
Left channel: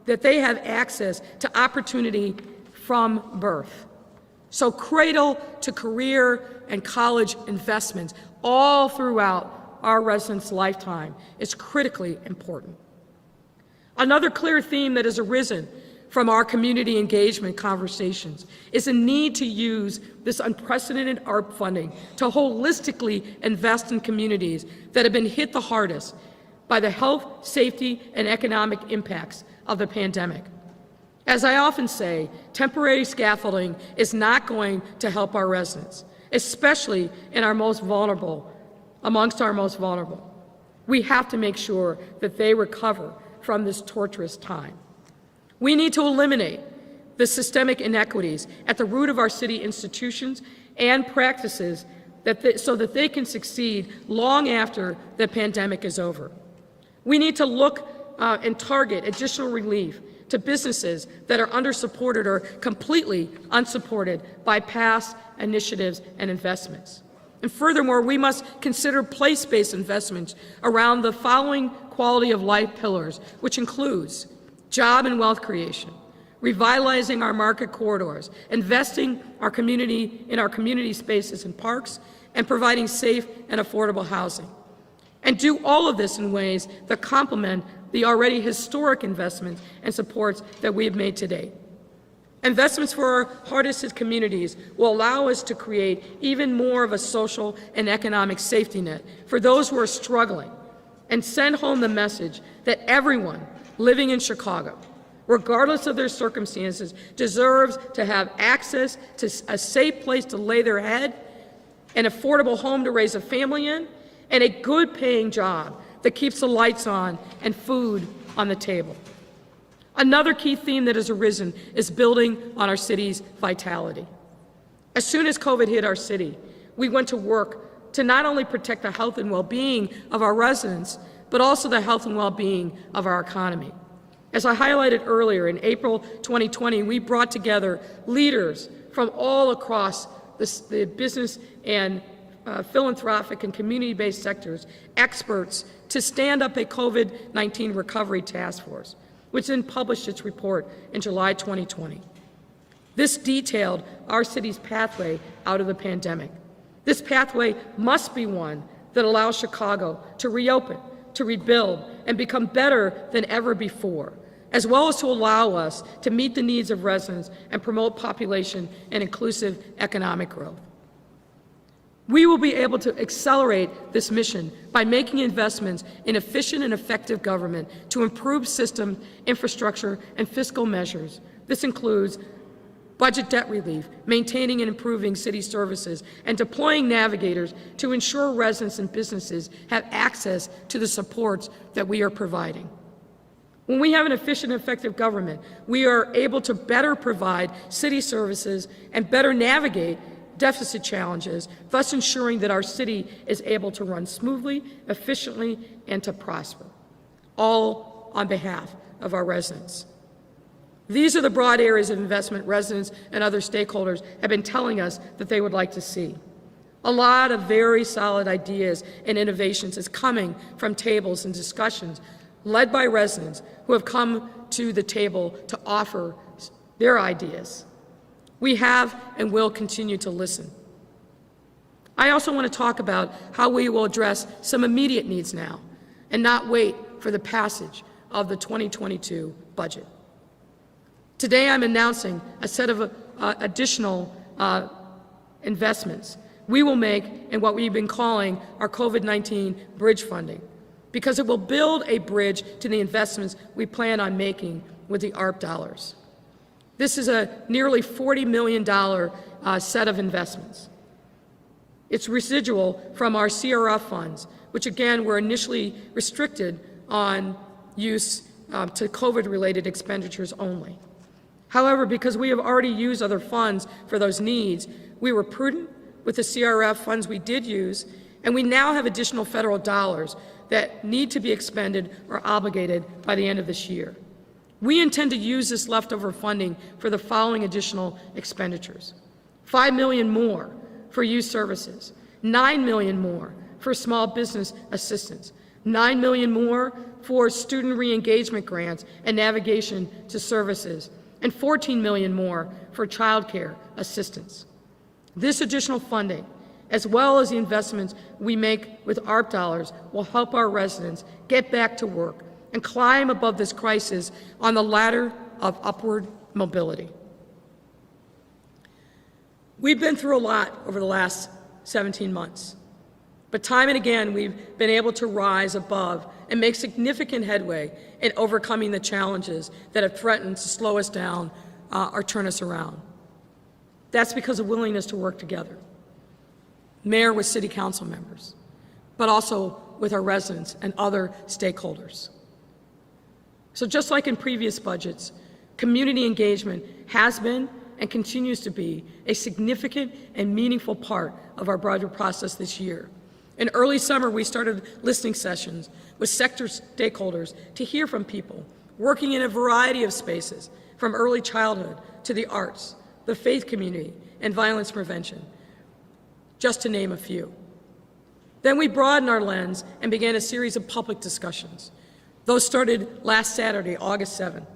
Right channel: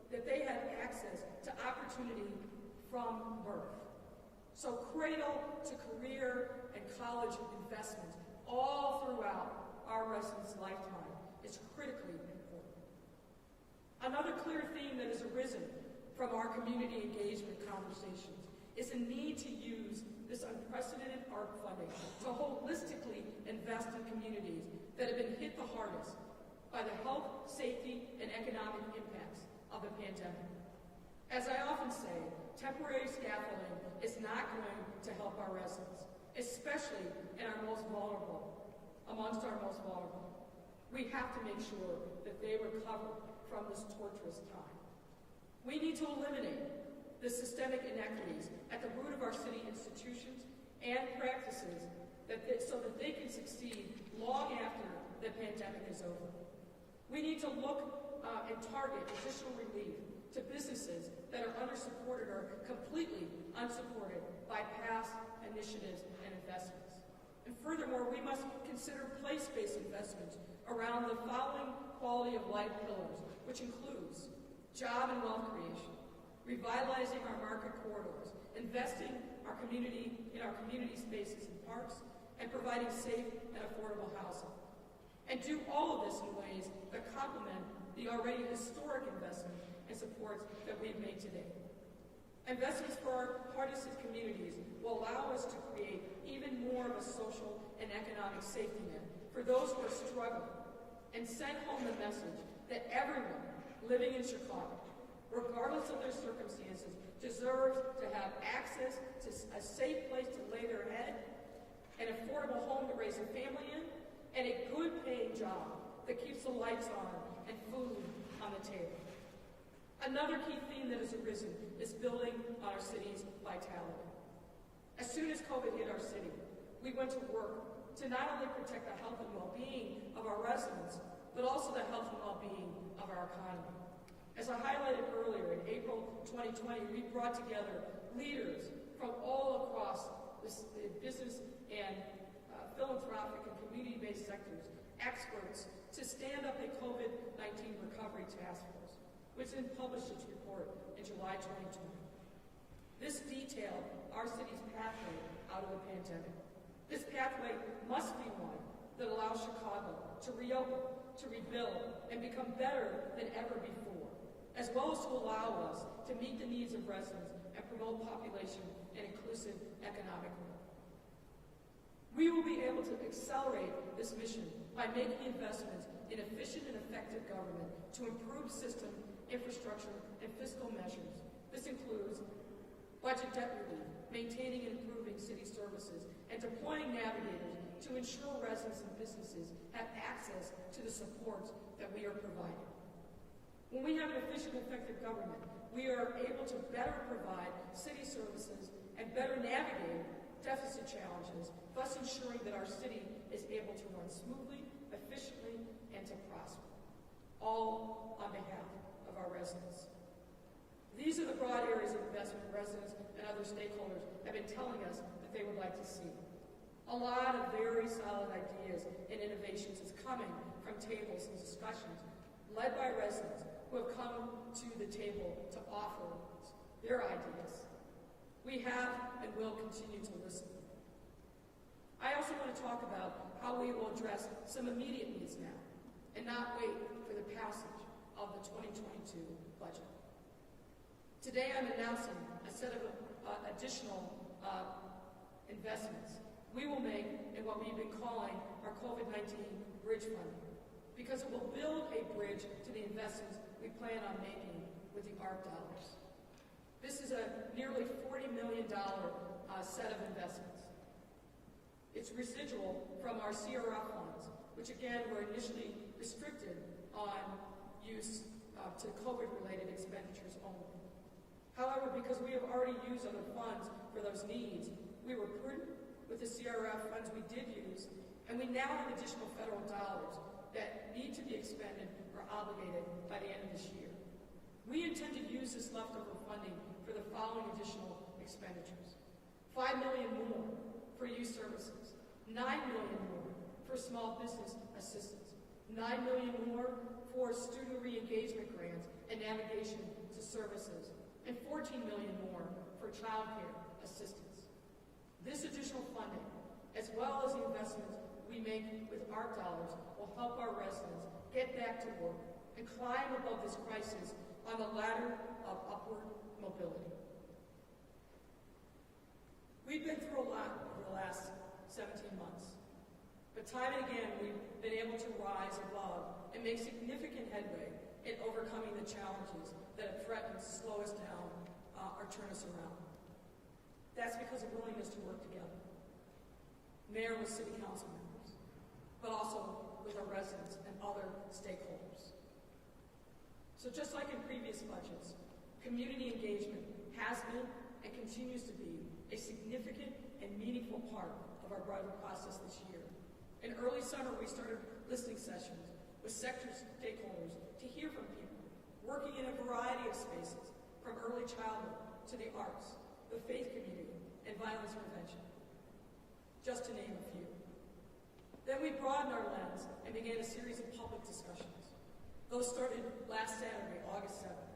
that they have access to opportunity from birth. So cradle to career and college investments all throughout our residents' lifetime is critically important. Another clear theme that has arisen from our community engagement conversations is a need to use this unprecedented ARP funding to holistically invest in communities that have been hit the hardest by the health, safety, and economic impacts of the pandemic. As I often say, temporary scaffolding is not going to help our residents, especially in our most vulnerable, amongst our most vulnerable. We have to make sure that they recover from this torturous time. We need to eliminate the systemic inequities at the root of our city institutions and practices so that they can succeed long after the pandemic is over. We need to look and target additional relief to businesses that are undersupported or completely unsupported by past initiatives and investments. And furthermore, we must consider place-based investments around the following quality of life pillars, which includes job and wealth creation, revitalizing our market corridors, investing in our community spaces and parks, and providing safe and affordable housing. And do all of this in ways that complement the already historic investments and supports that we have made to date. Investments for our hardest hit communities will allow us to create even more of a social and economic safety net for those who are struggling and send home the message that everyone living in Chicago, regardless of their circumstances, deserves to have access to a safe place to lay their head, an affordable home to raise a family in, and a good paying job that keeps the lights on and food on the table. Another key theme that has arisen is building on our city's vitality. As soon as COVID hit our city, we went to work to not only protect the health and well-being of our residents, but also the health and well-being of our economy. As I highlighted earlier, in April 2020, we brought together leaders from all across the business and philanthropic and community-based sectors, experts, to stand up a COVID-19 recovery task force, which then published its report in July 2020. This detailed our city's pathway out of the pandemic. This pathway must be one that allows Chicago to reopen, to rebuild, and become better than ever before, as well as to allow us to meet the needs of residents and promote population and inclusive economic growth. We will be able to accelerate this mission by making investments in efficient and effective government to improve system, infrastructure, and fiscal measures. This includes budget debt relief, maintaining and improving city services, and deploying navigators to ensure residents and businesses have access to the supports that we are providing. When we have an efficient and effective government, we are able to better provide city services and better navigate deficit challenges, thus ensuring that our city is able to run smoothly, efficiently, and to prosper, all on behalf of our residents. These are the broad areas of investment residents and other stakeholders have been telling us that they would like to see. A lot of very solid ideas and innovations is coming from tables and discussions led by residents who have come to the table to offer their ideas. We have and will continue to listen. I also want to talk about how we will address some immediate needs now and not wait for the passage of the 2022 budget. Today I'm announcing a set of additional investments we will make in what we've been calling our COVID-19 bridge funding, because it will build a bridge to the investments we plan on making with the ARP dollars. This is a nearly $40 million set of investments. It's residual from our CRF funds, which again were initially restricted on use to COVID-related expenditures only. However, because we have already used other funds for those needs, we were prudent with the CRF funds we did use, and we now have additional federal dollars that need to be expended or obligated by the end of this year. We intend to use this leftover funding for the following additional expenditures: $5 million more for youth services, $9 million more for small business assistance, $9 million more for student re-engagement grants and navigation to services, and $14 million more for child care assistance. This additional funding, as well as the investments we make with ARP dollars, will help our residents get back to work and climb above this crisis on the ladder of upward mobility. We've been through a lot over the last 17 months, but time and again we've been able to rise above and make significant headway in overcoming the challenges that have threatened to slow us down or turn us around. That's because of willingness to work together. Mayor with city council members, but also with our residents and other stakeholders. So just like in previous budgets, community engagement has been and continues to be a significant and meaningful part of our budget process this year. In early summer, we started listening sessions with sector stakeholders to hear from people working in a variety of spaces, from early childhood to the arts, the faith community, and violence prevention, just to name a few. Then we broadened our lens and began a series of public discussions. Those started last Saturday, August 7th,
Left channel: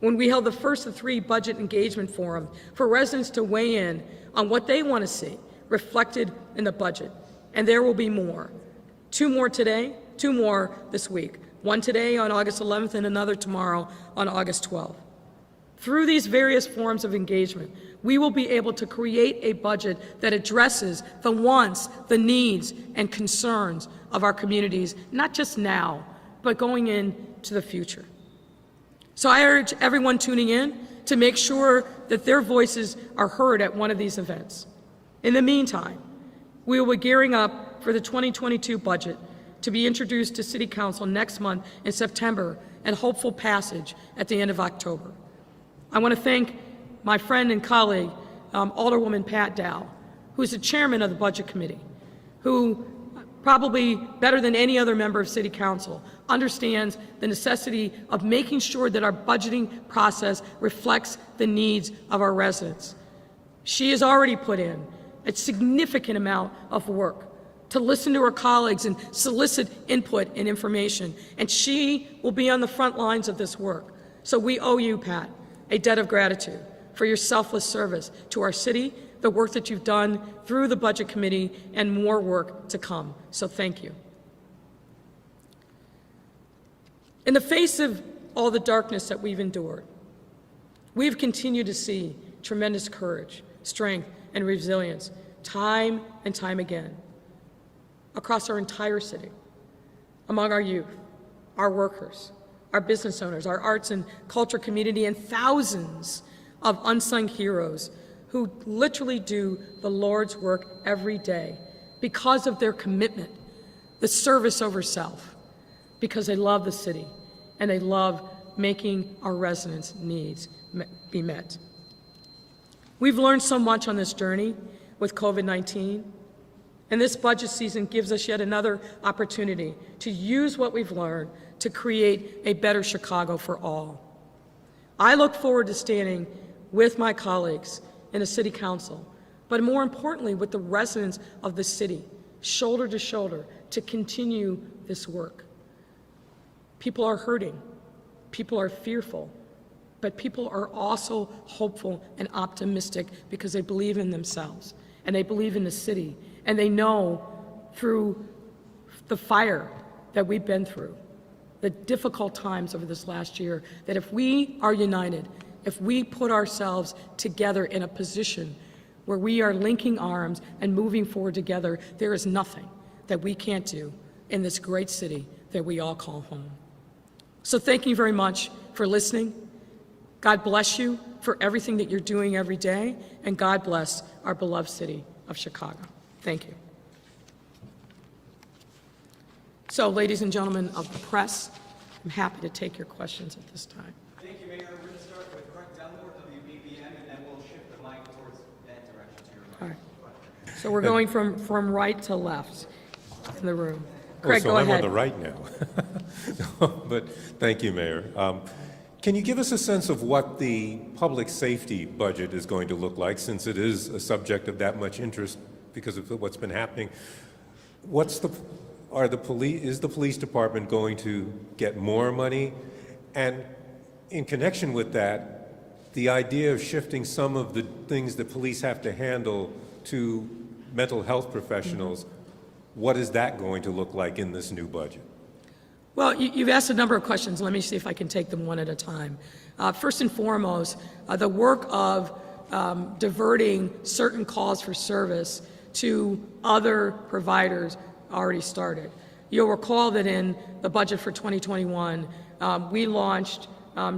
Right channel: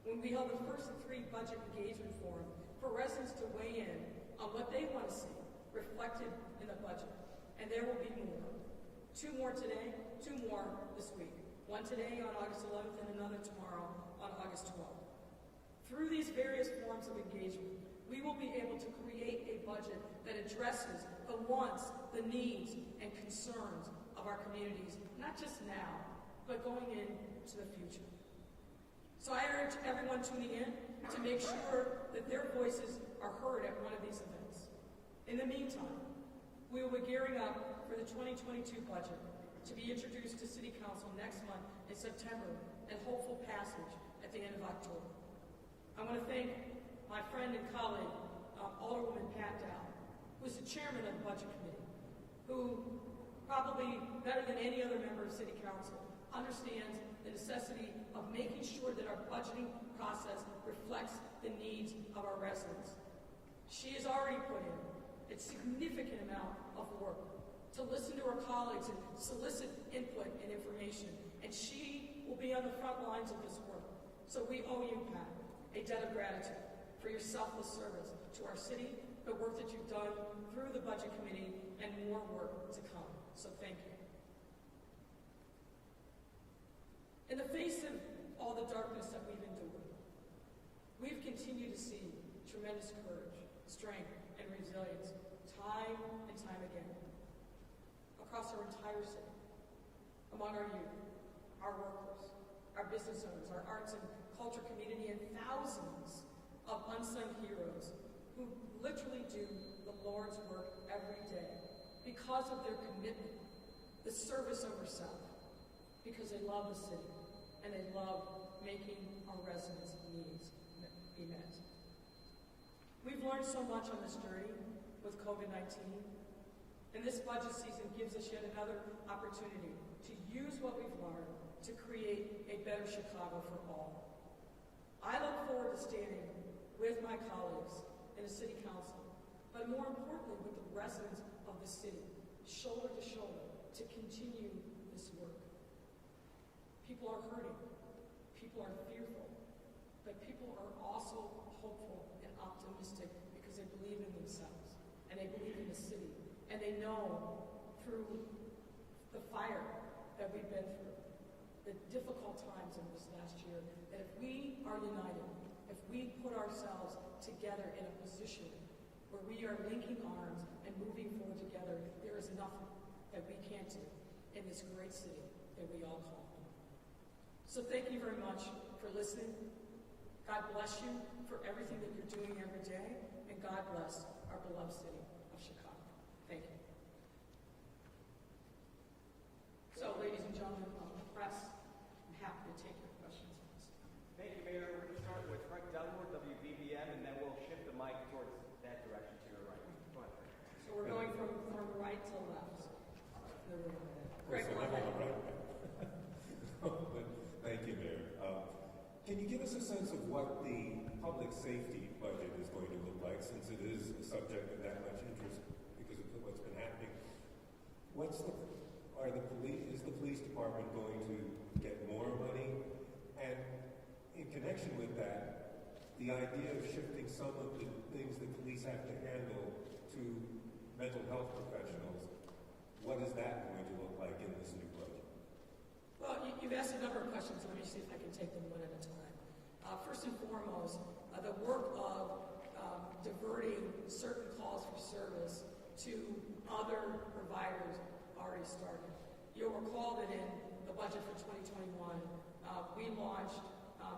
when we held the first of 3 budget engagement forums for residents to weigh in on what they want to see reflected in the budget. And there will be more. 2 more today, 2 more this week. 1 today on August 11th and another tomorrow on August 12th. Through these various forms of engagement, we will be able to create a budget that addresses the wants, the needs, and concerns of our communities, not just now, but going into the future. So I urge everyone tuning in to make sure that their voices are heard at one of these events. In the meantime, we will be gearing up for the 2022 budget to be introduced to City Council next month in September and hopeful passage at the end of October. I want to thank my friend and colleague, Alderwoman Pat Dow, who is the chairman of the Budget Committee, who probably better than any other member of City Council understands the necessity of making sure that our budgeting process reflects the needs of our residents. She has already put in a significant amount of work to listen to her colleagues and solicit input and information, and she will be on the front lines of this work. So we owe you, Pat, a debt of gratitude for your selfless service to our city, the work that you've done through the Budget Committee and more work to come. So thank you. In the face of all the darkness that we've endured, we've continued to see tremendous courage, strength, and resilience time and time again across our entire city, among our youth, our workers, our business owners, our arts and culture community, and thousands of unsung heroes who literally do the Lord's work every day because of their commitment, the service over self, because they love the city and they love making our residents' needs be met. We've learned so much on this journey with COVID-19, and this budget season gives us yet another opportunity to use what we've learned to create a better Chicago for all. I look forward to standing with my colleagues in the City Council, but more importantly with the residents of the city, shoulder to shoulder, to continue this work. People are hurting, people are fearful, but people are also hopeful and optimistic because they believe in themselves and they believe in the city, and they know through the fire that we've been through, the difficult times over this last year, that if we are united, if we put ourselves together in a position where we are linking arms and moving forward together, there is nothing that we can't do in this great city that we all call home. So thank you very much for listening. God bless you for everything that you're doing every day, and God bless our beloved city of Chicago. Thank you. So, ladies and gentlemen of the press, I'm happy to take your questions at this time. Thank you, Mayor. We're going to start with Mark Dunmore, WBBM, and then we'll shift the mic towards that direction to your right. All right. So we're going from right to left in the room. Craig, so go ahead. I'm on the right now. But thank you, Mayor. Can you give us a sense of what the public safety budget is going to look like, since it is a subject of that much interest because of what's been happening? Is the police department going to get more money? And in connection with that, the idea of shifting some of the things that police have to handle to mental health professionals, what is that going to look like in this new budget? Well, you've asked a number of questions. Let me see if I can take them one at a time. First and foremost, the work of diverting certain calls for service to other providers already started. You'll recall that in the budget for 2021, we launched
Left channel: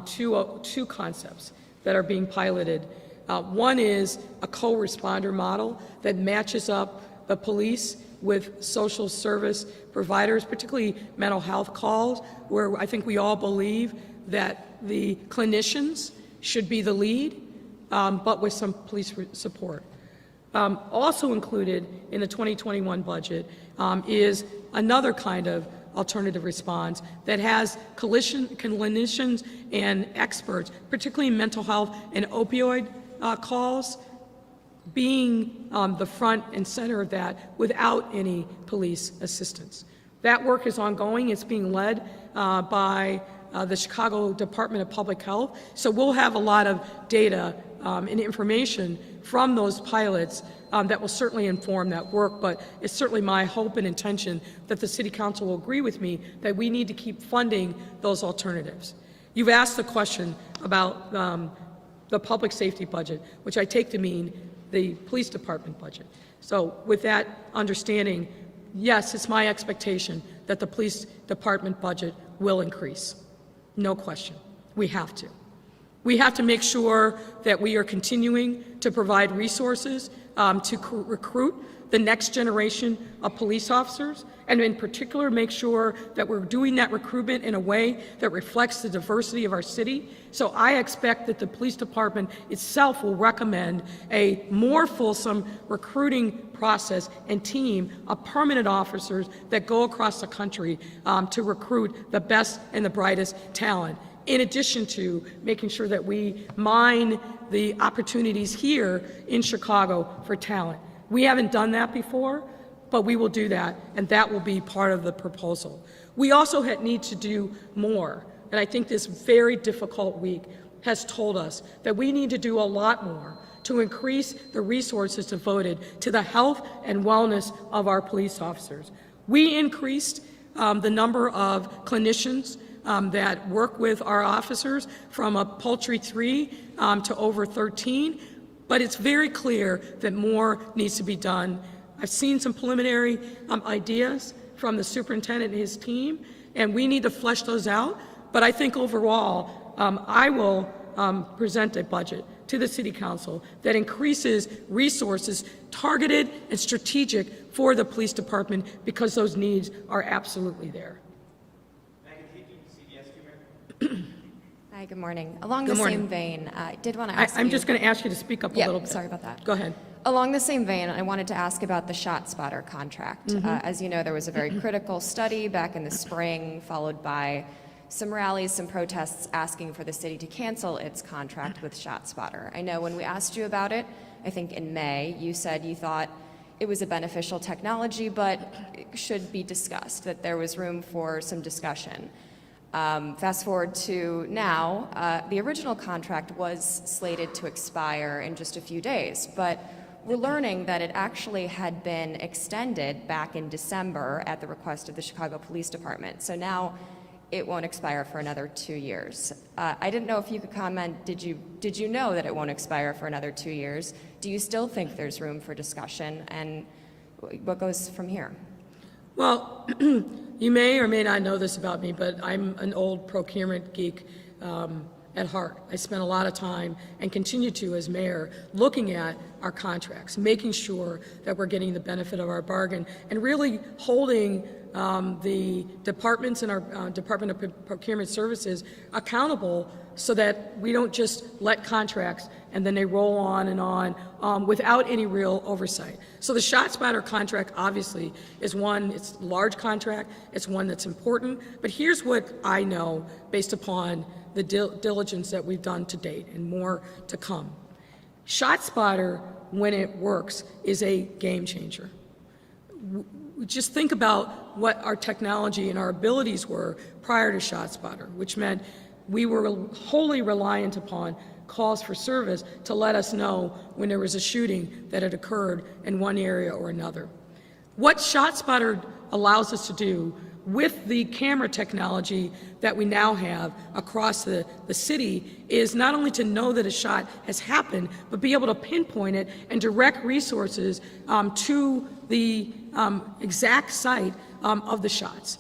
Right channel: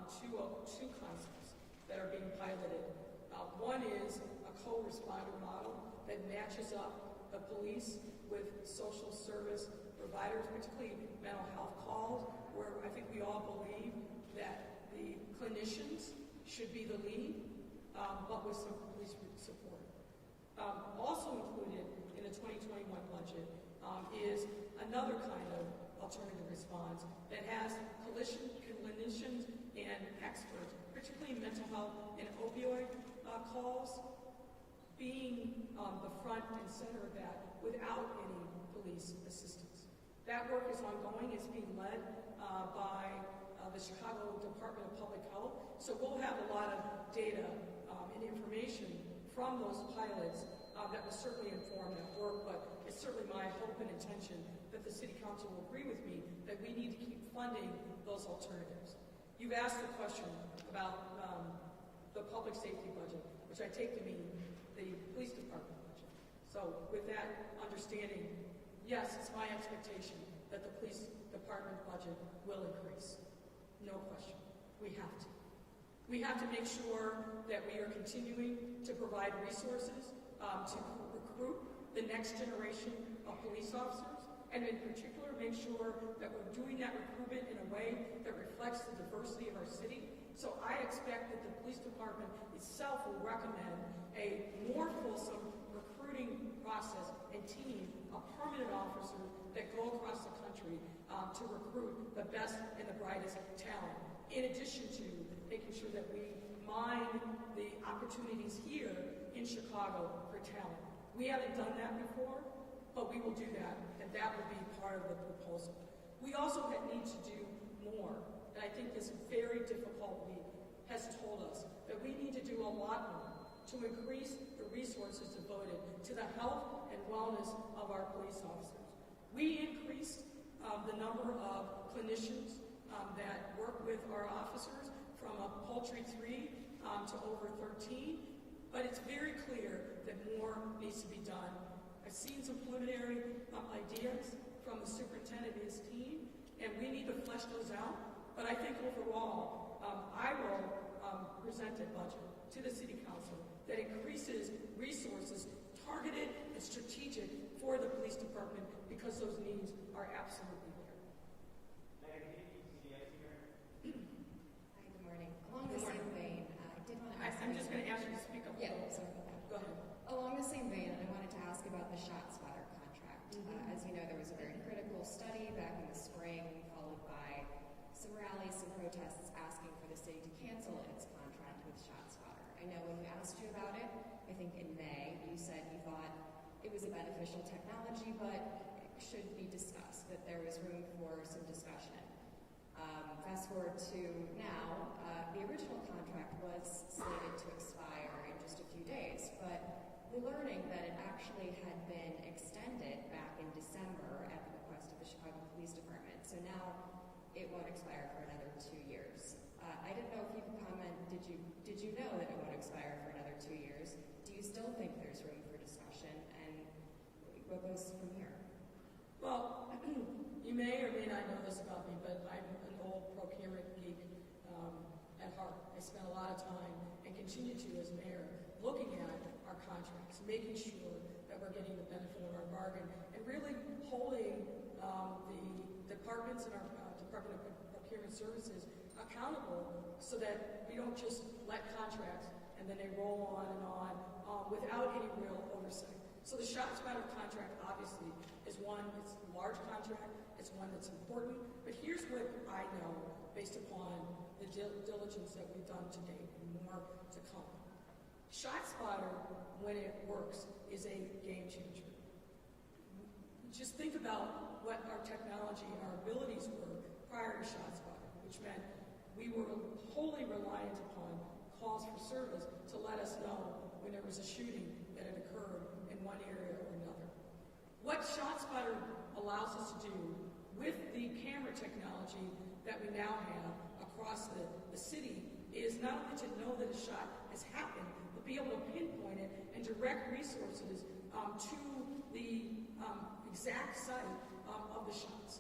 two concepts that are being piloted. One is a co-responder model that matches up the police with social service providers, particularly mental health calls, where I think we all believe that the clinicians should be the lead, but with some police support. Also included in the 2021 budget is another kind of alternative response that has clinicians and experts, particularly in mental health and opioid calls, being the front and center of that without any police assistance. That work is ongoing. It's being led by the Chicago Department of Public Health. So we'll have a lot of data and information from those pilots that will certainly inform that work, but it's certainly my hope and intention that the City Council will agree with me that we need to keep funding those alternatives. You've asked the question about the public safety budget, which I take to mean the police department budget. So with that understanding, yes, it's my expectation that the police department budget will increase. No question. We have to. We have to make sure that we are continuing to provide resources to recruit the next generation of police officers, and in particular make sure that we're doing that recruitment in a way that reflects the diversity of our city. So I expect that the police department itself will recommend a more fulsome recruiting process and team of permanent officers that go across the country to recruit the best and the brightest talent, in addition to making sure that we mine the opportunities here in Chicago for talent. We haven't done that before, but we will do that, and that will be part of the proposal. We also need to do more, and I think this very difficult week has told us that we need to do a lot more to increase the resources devoted to the health and wellness of our police officers. We increased the number of clinicians that work with our officers from a paltry 3 to over 13, but it's very clear that more needs to be done. I've seen some preliminary ideas from the superintendent and his team, and we need to flesh those out. But I think overall, I will present a budget to the City Council that increases resources targeted and strategic for the police department because those needs are absolutely there. Hi, good morning. Along Good the morning. same vein, I did want to ask I'm you... just going to ask you to speak up a little bit. sorry about that. Go ahead. Along the same vein, I wanted to ask about the ShotSpotter contract. As you know, there was a very critical study back in the spring, followed by some rallies, some protests asking for the city to cancel its contract with ShotSpotter. I know when we asked you about it, I think in May, you said you thought it was a beneficial technology, but it should be discussed, that there was room for some discussion. Fast forward to now, the original contract was slated to expire in just a few days, but we're learning that it actually had been extended back in December at the request of the Chicago Police Department. So now it won't expire for another 2 years. I didn't know if you could comment, did you know that it won't expire for another 2 years? Do you still think there's room for discussion, and what goes from here? Well, you may or may not know this about me, but I'm an old procurement geek at heart. I spent a lot of time, and continue to as mayor, looking at our contracts, making sure that we're getting the benefit of our bargain, and really holding the departments in our Department of Procurement Services accountable so that we don't just let contracts and then they roll on and on without any real oversight. So the ShotSpotter contract obviously is one, it's a large contract, it's one that's important, but here's what I know based upon the diligence that we've done to date and more to come. ShotSpotter, when it works, is a game changer. Just think about what our technology and our abilities were prior to ShotSpotter, which meant we were wholly reliant upon calls for service to let us know when there was a shooting that had occurred in one area or another. What ShotSpotter allows us to do with the camera technology that we now have across the city is not only to know that a shot has happened, but be able to pinpoint it and direct resources to the exact site of the shots.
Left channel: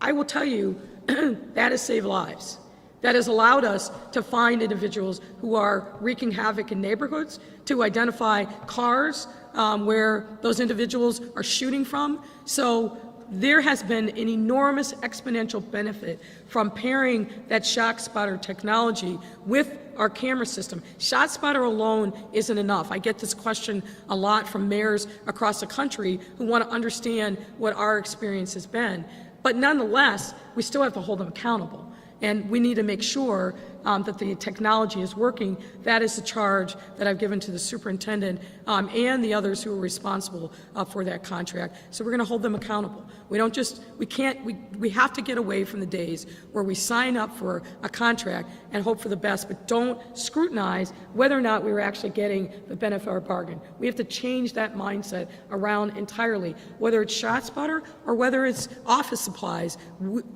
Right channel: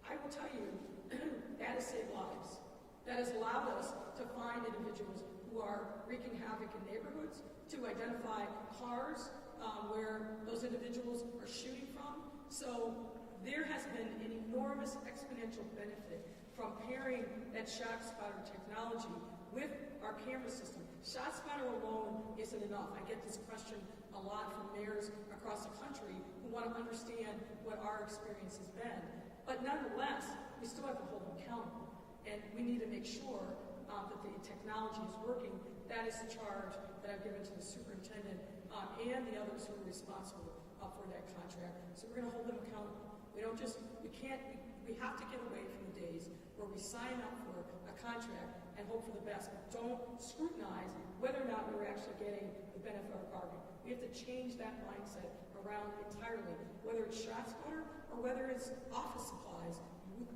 I will tell you, that has saved lives. That has allowed us to find individuals who are wreaking havoc in neighborhoods, to identify cars where those individuals are shooting from. So there has been an enormous exponential benefit from pairing that ShotSpotter technology with our camera system. ShotSpotter alone isn't enough. I get this question a lot from mayors across the country who want to understand what our experience has been. But nonetheless, we still have to hold them accountable. And we need to make sure that the technology is working. That is the charge that I've given to the superintendent and the others who are responsible for that contract. So we're going to hold them accountable. We don't just, we have to get away from the days where we sign up for a contract and hope for the best, but don't scrutinize whether or not we were actually getting the benefit of our bargain. We have to change that mindset around entirely, whether it's ShotSpotter or whether it's office supplies.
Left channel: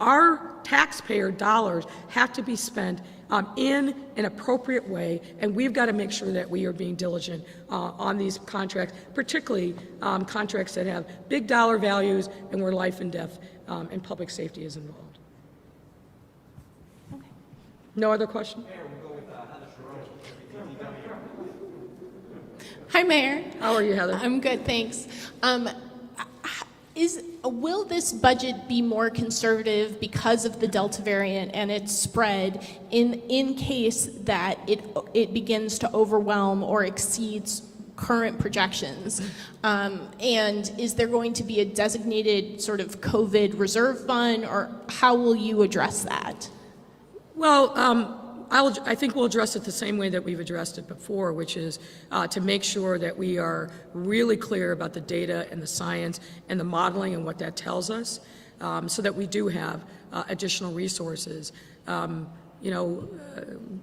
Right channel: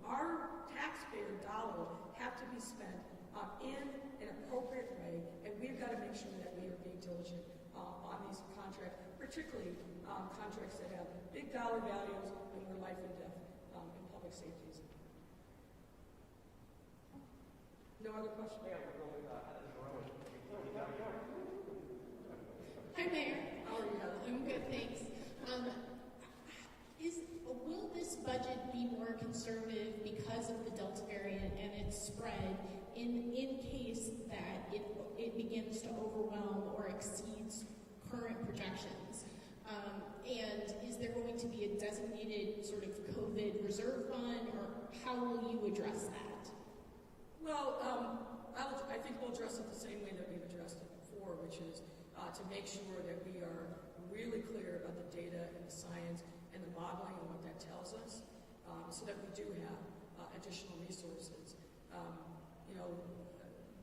Our taxpayer dollars have to be spent in an appropriate way, and we've got to make sure that we are being diligent on these contracts, particularly contracts that have big dollar values and where life and death and public safety is involved. Okay. No other question? Hi, Mayor. How are you, Heather? I'm good, thanks. Will this budget be more conservative because of the Delta variant and its spread in case that it begins to overwhelm or exceeds current projections? And is there going to be a designated sort of COVID reserve fund, or how will you address that? Well, I think we'll address it the same way that we've addressed it before, which is to make sure that we are really clear about the data and the science and the modeling and what that tells us, so that we do have additional resources.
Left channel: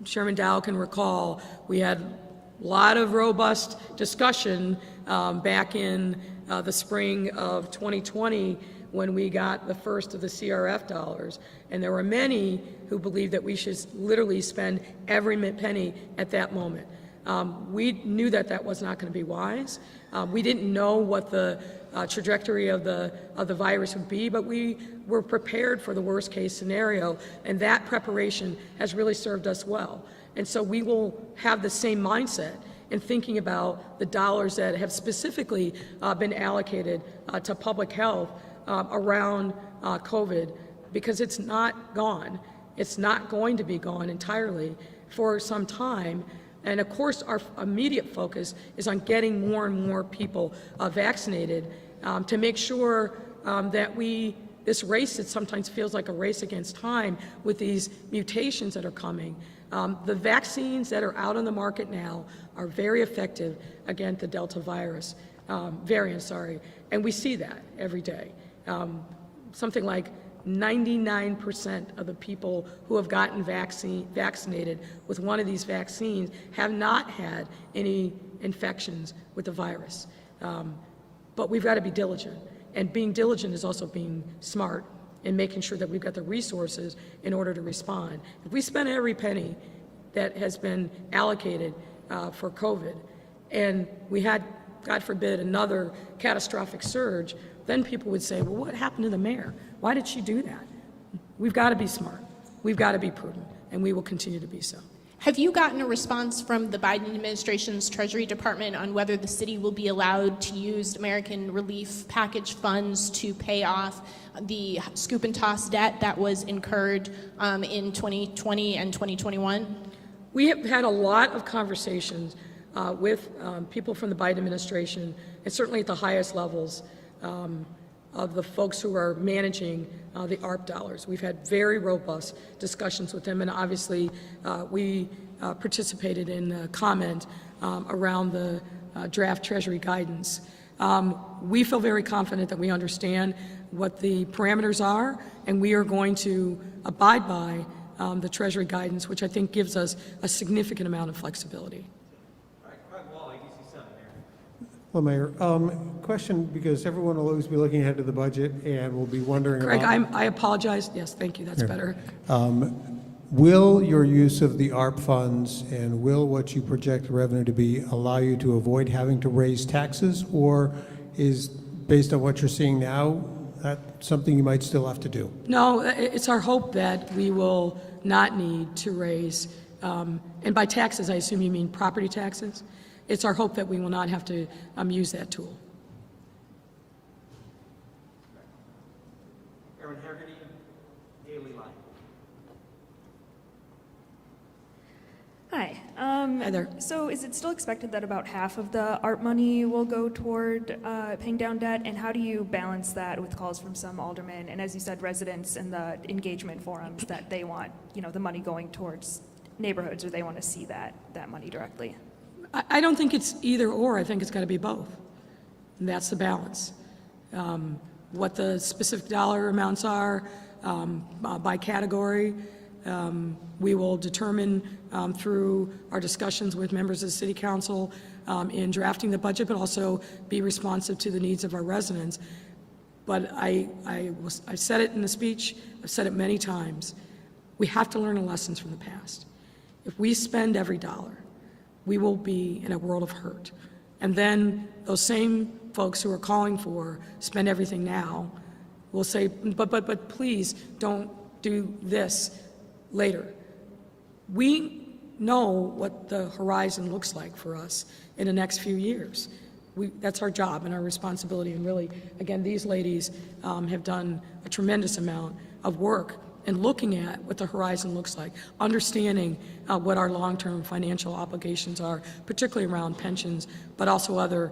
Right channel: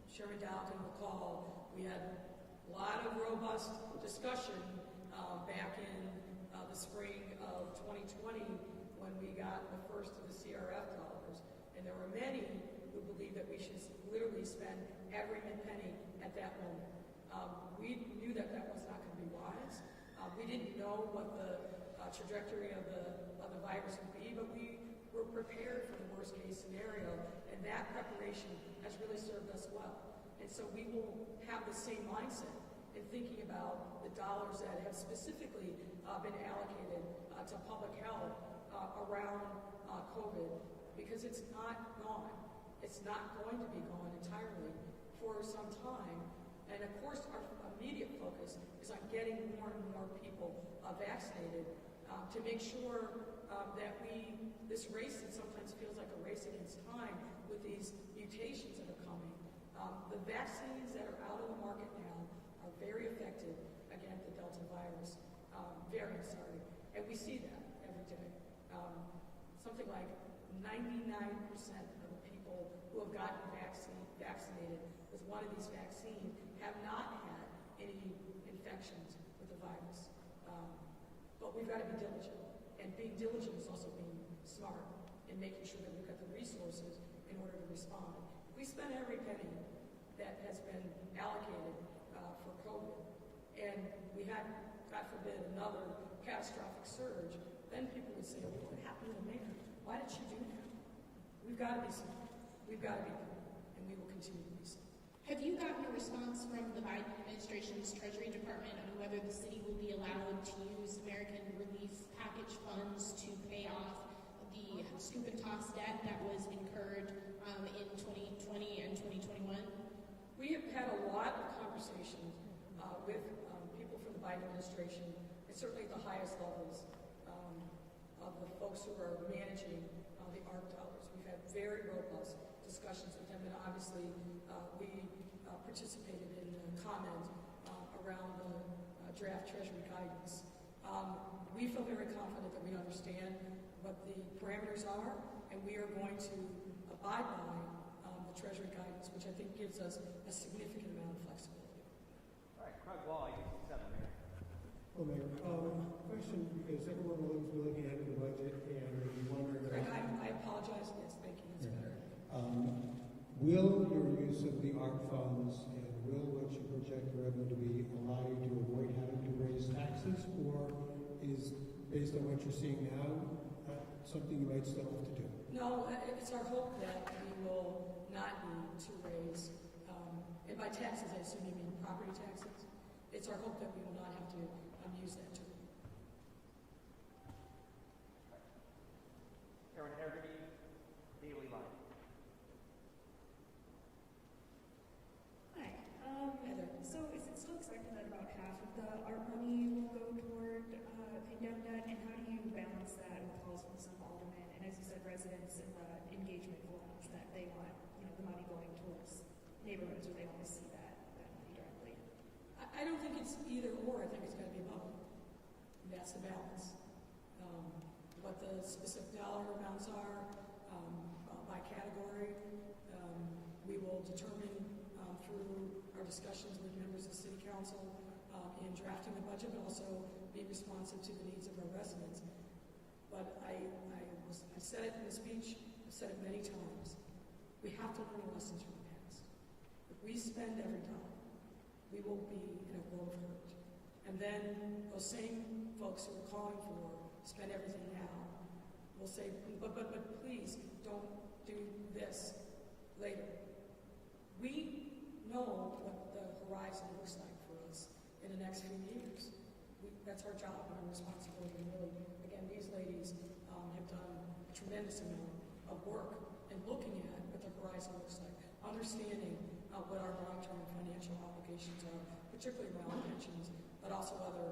Chairman Dow can recall we had A lot of robust discussion back in the spring of 2020 when we got the first of the CRF dollars. And there were many who believed that we should literally spend every penny at that moment. We knew that that was not going to be wise. We didn't know what the trajectory of the virus would be, but we were prepared for the worst case scenario, and that preparation has really served us well. And so we will have the same mindset in thinking about the dollars that have specifically been allocated to public health around COVID, because it's not gone. It's not going to be gone entirely for some time. And of course, our immediate focus is on getting more and more people vaccinated to make sure that this race that sometimes feels like a race against time with these mutations that are coming. The vaccines that are out on the market now are very effective against the Delta virus variant, and we see that every day. Something like 99% of the people who have gotten vaccinated with one of these vaccines have not had any infections with the virus. But we've got to be diligent, and being diligent is also being smart and making sure that we've got the resources in order to respond. If we spend every penny that has been allocated for COVID, and we had, God forbid, another catastrophic surge, then people would say, well, what happened to the mayor? Why did she do that? We've got to be smart. We've got to be prudent, and we will continue to be so. Have you gotten a response from the Biden administration's Treasury Department on whether the city will be allowed to use American Relief Package funds to pay off the scoop and toss debt that was incurred in 2020 and 2021? We have had a lot of conversations with people from the Biden administration, and certainly at the highest levels of the folks who are managing the ARP dollars. We've had very robust discussions with them, and obviously we participated in a comment around the draft Treasury guidance. We feel very confident that we understand what the parameters are, and we are going to abide by the Treasury guidance, which I think gives us a significant amount of flexibility. Well, Mayor, question, because everyone will always be looking ahead to the budget and will be wondering Greg, about... I apologize. Yes, thank you. That's better. Will your use of the ARP funds and will what you project the revenue to be allow you to avoid having to raise taxes, or is, based on what you're seeing now, that something you might still have to do? No, it's our hope that we will not need to raise, and by taxes, I assume you mean property taxes. It's our hope that we will not have to use that tool. Hi. Hi there. So is it still expected that about half of the ARP money will go toward paying down debt? And how do you balance that with calls from some aldermen and, as you said, residents in the engagement forums that they want, the money going towards neighborhoods, or they want to see that money directly? I don't think it's either or. I think it's got to be both. And that's the balance. What the specific dollar amounts are by category, we will determine through our discussions with members of the City Council in drafting the budget, but also be responsive to the needs of our residents. But I said it in the speech, I've said it many times, we have to learn the lessons from the past. If we spend every dollar, we will be in a world of hurt. And then those same folks who are calling for spend everything now will say, but please don't do this later. We know what the horizon looks like for us in the next few years. That's our job and our responsibility. And really, again, these ladies have done a tremendous amount of work and looking at what the horizon looks like, understanding what our long-term financial obligations are, particularly around pensions, but also other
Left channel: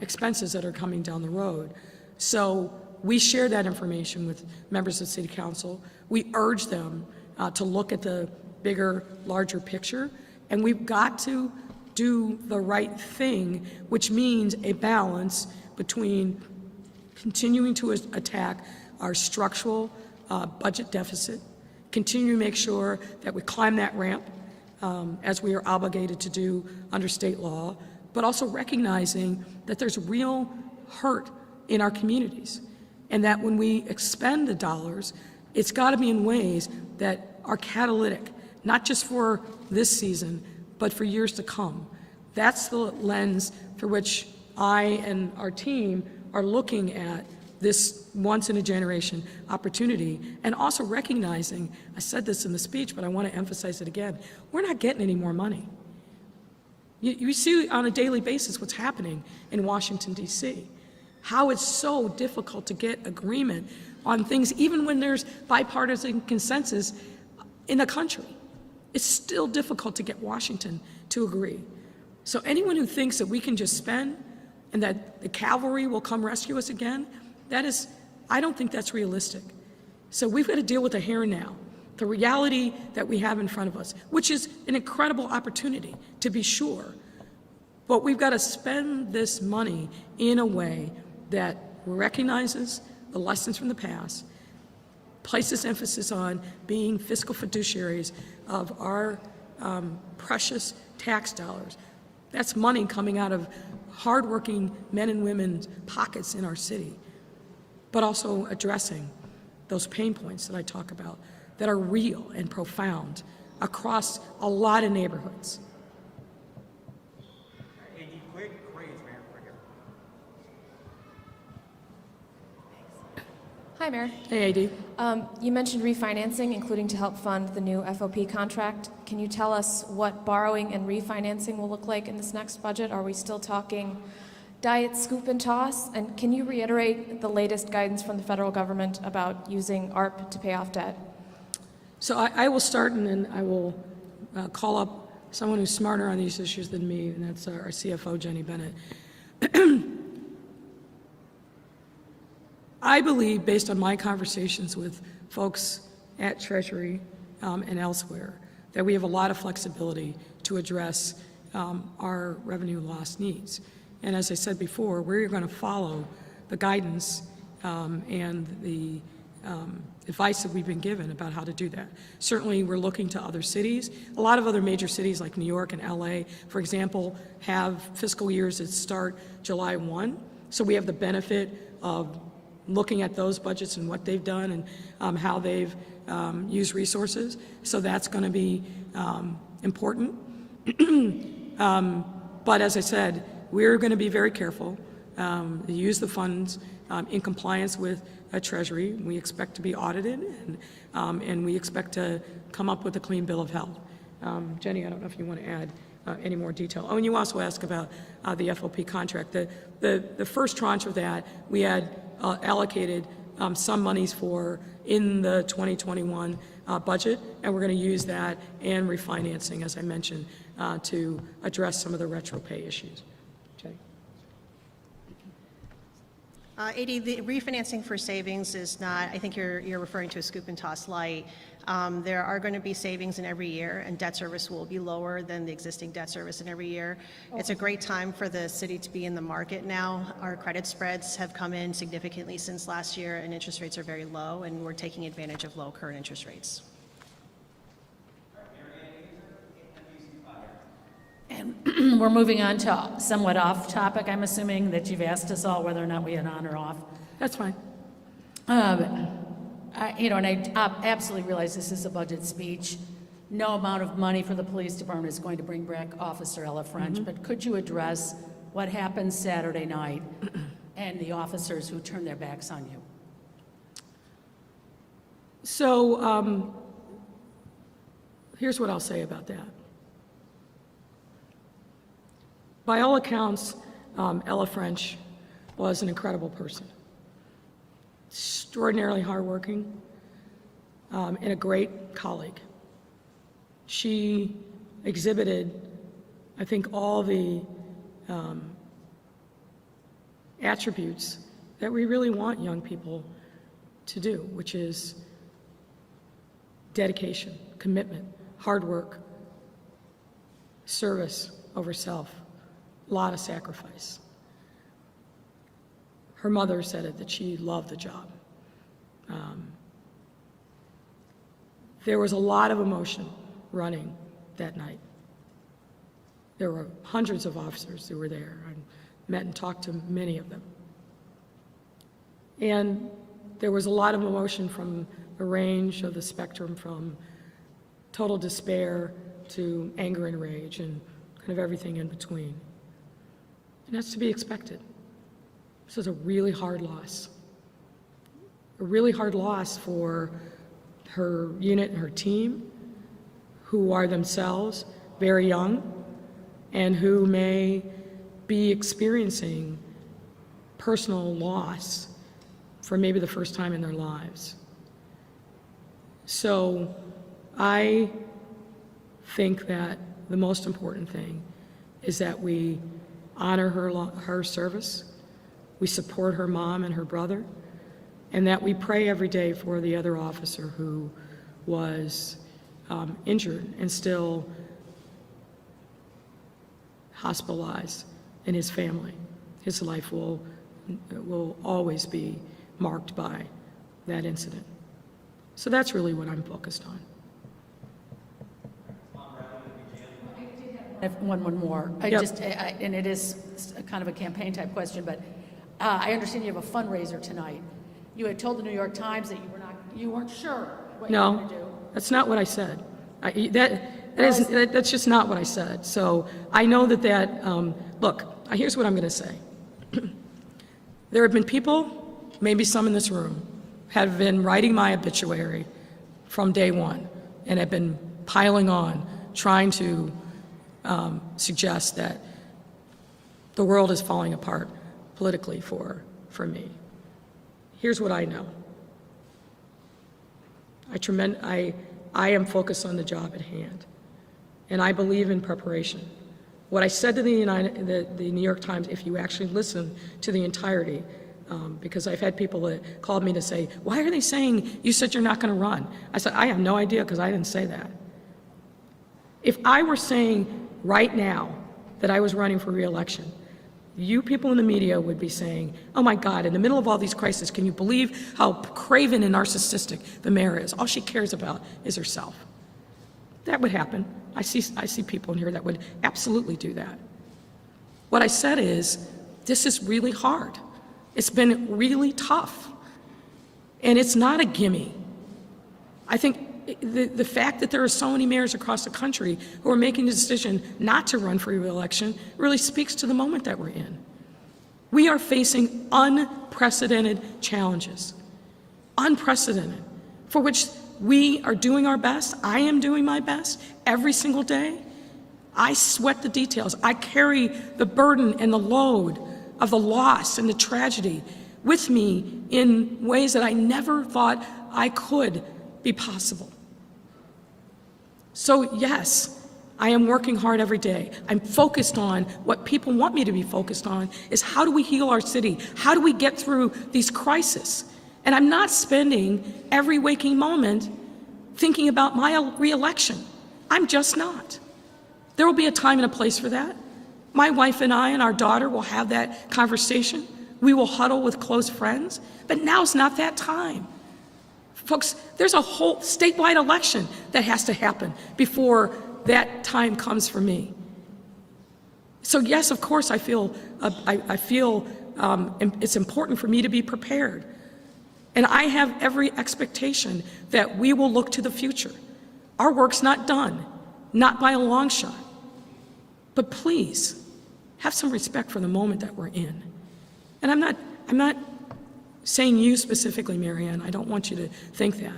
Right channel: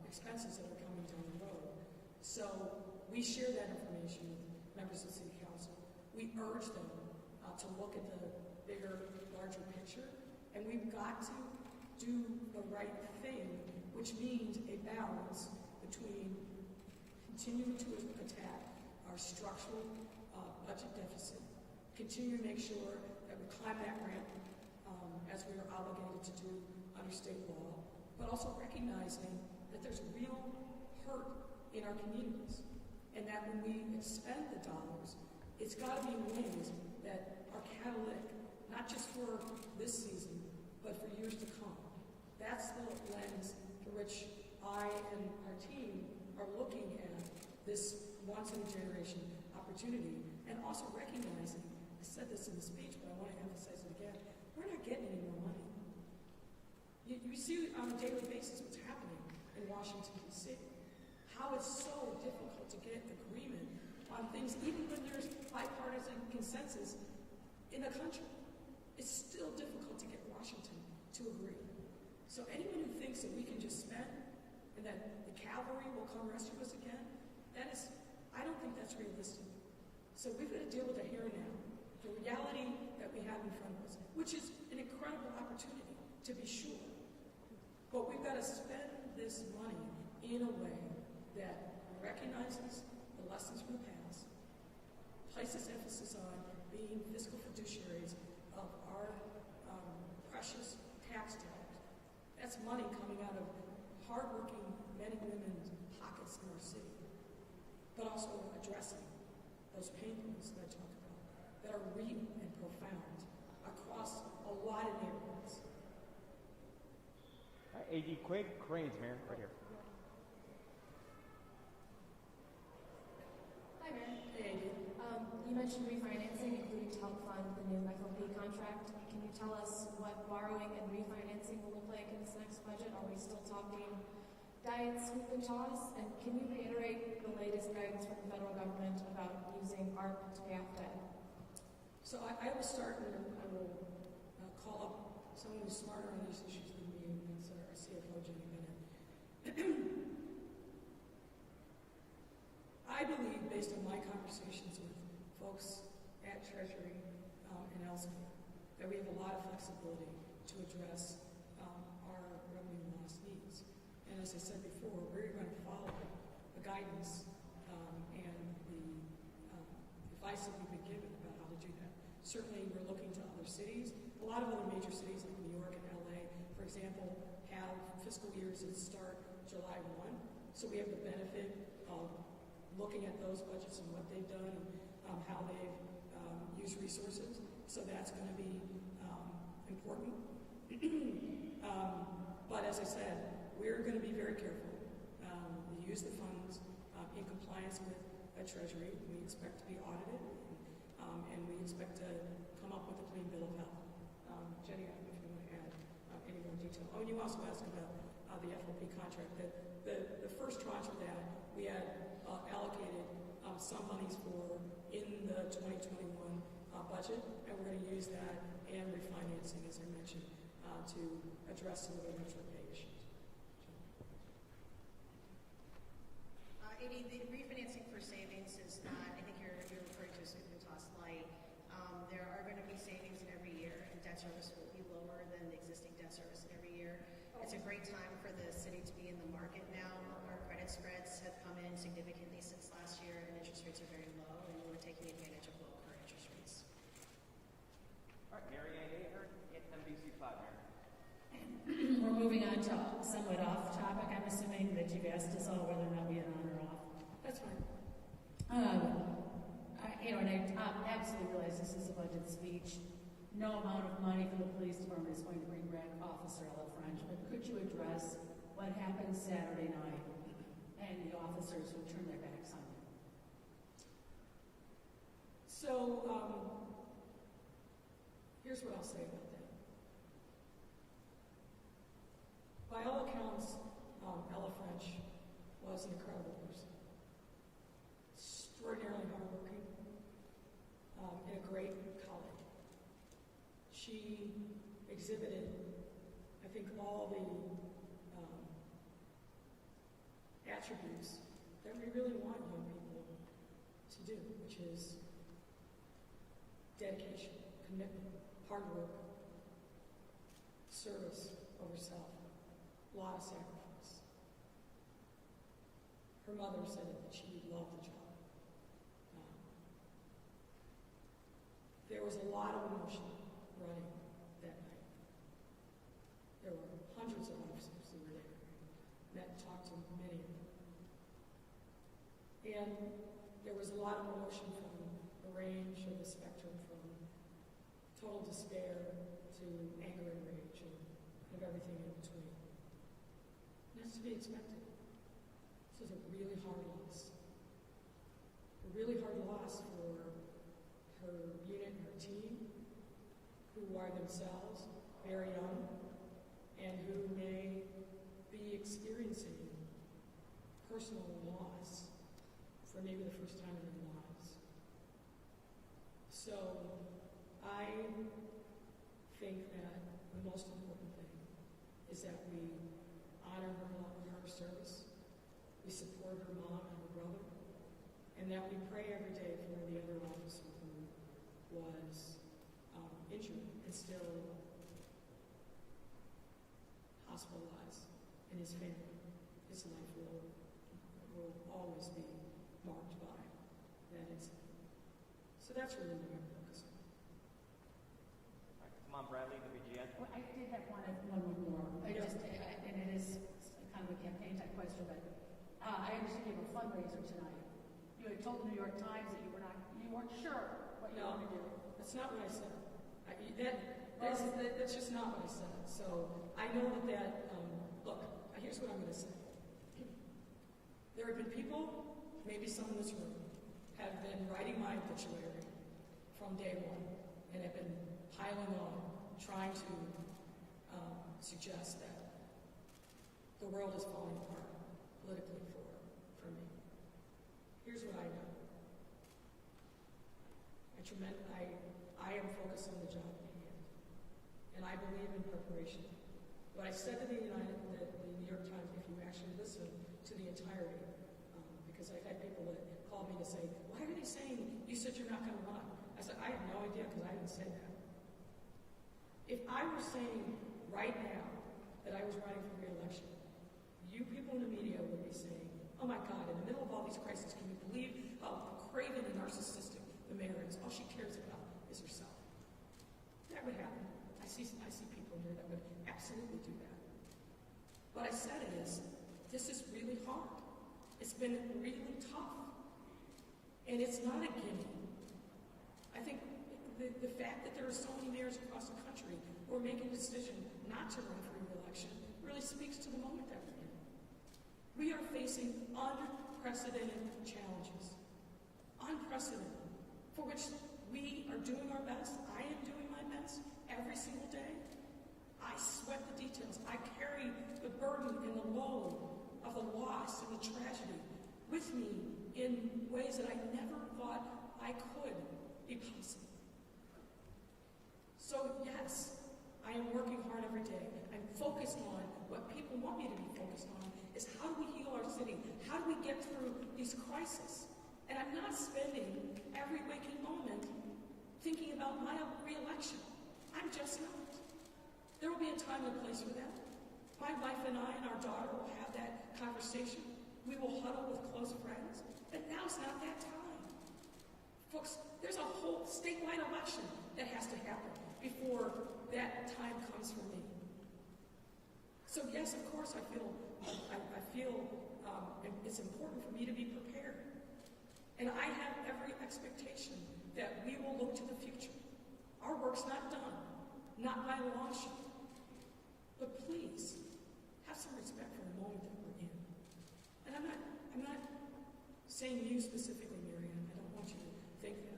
expenses that are coming down the road. So we share that information with members of the City Council. We urge them to look at the bigger, larger picture, and we've got to do the right thing, which means a balance between continuing to attack our structural budget deficit, continue to make sure that we climb that ramp as we are obligated to do under state law, but also recognizing that there's real hurt in our communities, and that when we expend the dollars, it's got to be in ways that are catalytic, not just for this season, but for years to come. That's the lens through which I and our team are looking at this once-in-a-generation opportunity, and also recognizing, I said this in the speech, but I want to emphasize it again, we're not getting any more money. You see on a daily basis what's happening in Washington, D.C., how it's so difficult to get agreement on things, even when there's bipartisan consensus in the country. It's still difficult to get Washington to agree. So anyone who thinks that we can just spend and that the cavalry will come rescue us again, I don't think that's realistic. So we've got to deal with the here and now, the reality that we have in front of us, which is an incredible opportunity, to be sure. But we've got to spend this money in a way that recognizes the lessons from the past, places emphasis on being fiscal fiduciaries of our precious tax dollars. That's money coming out of hardworking men and women's pockets in our city, but also addressing those pain points that I talk about that are real and profound across a lot of neighborhoods. Hi, Mayor. Hey, AD. You mentioned refinancing, including to help fund the new FOP contract. Can you tell us what borrowing and refinancing will look like in this next budget? Are we still talking diet, scoop, and toss? And can you reiterate the latest guidance from the federal government about using ARP to pay off debt? So I will start, and then I will call up someone who's smarter on these issues than me, and that's our CFO, Jenny Bennett. I believe, based on my conversations with folks at Treasury and elsewhere, that we have a lot of flexibility to address our revenue loss needs. And as I said before, we're going to follow the guidance and the advice that we've been given about how to do that. Certainly, we're looking to other cities. A lot of other major cities like New York and LA, for example, have fiscal years that start July 1. So we have the benefit of looking at those budgets and what they've done and how they've used resources. So that's going to be important. But as I said, we're going to be very careful to use the funds in compliance with Treasury. We expect to be audited, and we expect to come up with a clean bill of health. Jenny, I don't know if you want to add any more detail. Oh, and you also asked about the FOP contract. The first tranche of that, we had allocated some monies for in the 2021 budget, and we're going to use that and refinancing, as I mentioned, to address some of the retro pay issues. Jenny? AD, the refinancing for savings is not, I think you're referring to a scoop and toss light. There are going to be savings in every year, and debt service will be lower than the existing debt service in every year. It's a great time for the city to be in the market now. Our credit spreads have come in significantly since last year, and interest rates are very low, and we're taking advantage of low current interest rates. And we're moving on to somewhat off topic. I'm assuming that you've asked us all whether or not we had on or off. That's fine. And I absolutely realize this is a budget speech. No amount of money for the police department is going to bring back Officer Ella French, but could you address what happened Saturday night and the officers who turned their backs on you? So here's what I'll say about that. By all accounts, Ella French was an incredible person. Extraordinarily hardworking, and a great colleague. She exhibited, I think, all the attributes that we really want young people to do, which is dedication, commitment, hard work, service over self, a lot of sacrifice. Her mother said it, that she loved the job. There was a lot of emotion running that night. There were hundreds of officers who were there. I met and talked to many of them. And there was a lot of emotion from the range of the spectrum, from total despair to anger and rage and kind of everything in between. And that's to be expected. This is a really hard loss. A really hard loss for her unit and her team, who are themselves very young and who may be experiencing personal loss for maybe the first time in their lives. So I think that the most important thing is that we honor her service, we support her mom and her brother, and that we pray every day for the other officer who was injured and still hospitalized, and his family. His life will always be marked by that incident. So that's really what I'm focused on. I have one more. Yep. And it is kind of a campaign type question, but I understand you have a fundraiser tonight. You had told the New York Times that you weren't sure what you were No, going to do. that's not what I said. That's just not what I said. So I know look, here's what I'm going to say. There have been people, maybe some in this room, have been writing my obituary from day one and have been piling on, trying to suggest that the world is falling apart politically for me. Here's what I know. I am focused on the job at hand, and I believe in preparation. What I said to the New York Times, if you actually listen to the entirety, because I've had people that called me to say, why are they saying you said you're not going to run? I said, I have no idea, because I didn't say that. If I were saying right now that I was running for re-election, you people in the media would be saying, oh my God, in the middle of all these crises, can you believe how craven and narcissistic the mayor is? All she cares about is herself. That would happen. I see people in here that would absolutely do that. What I said is, this is really hard. It's been really tough. And it's not a gimme. I think the fact that there are so many mayors across the country who are making the decision not to run for re-election really speaks to the moment that we're in. We are facing unprecedented challenges, unprecedented, for which we are doing our best. I am doing my best every single day. I sweat the details. I carry the burden and the load of the loss and the tragedy with me in ways that I never thought I could be possible. So yes, I am working hard every day. I'm focused on what people want me to be focused on, is how do we heal our city? How do we get through these crises? And I'm not spending every waking moment thinking about my re-election. I'm just not. There will be a time and a place for that. My wife and I and our daughter will have that conversation. We will huddle with close friends, but now's not that time. Folks, there's a whole statewide election that has to happen before that time comes for me. So yes, of course, I feel it's important for me to be prepared. And I have every expectation that we will look to the future. Our work's not done, not by a long shot. But please, have some respect for the moment that we're in. And I'm not saying you specifically, Marianne, I don't want you to think that.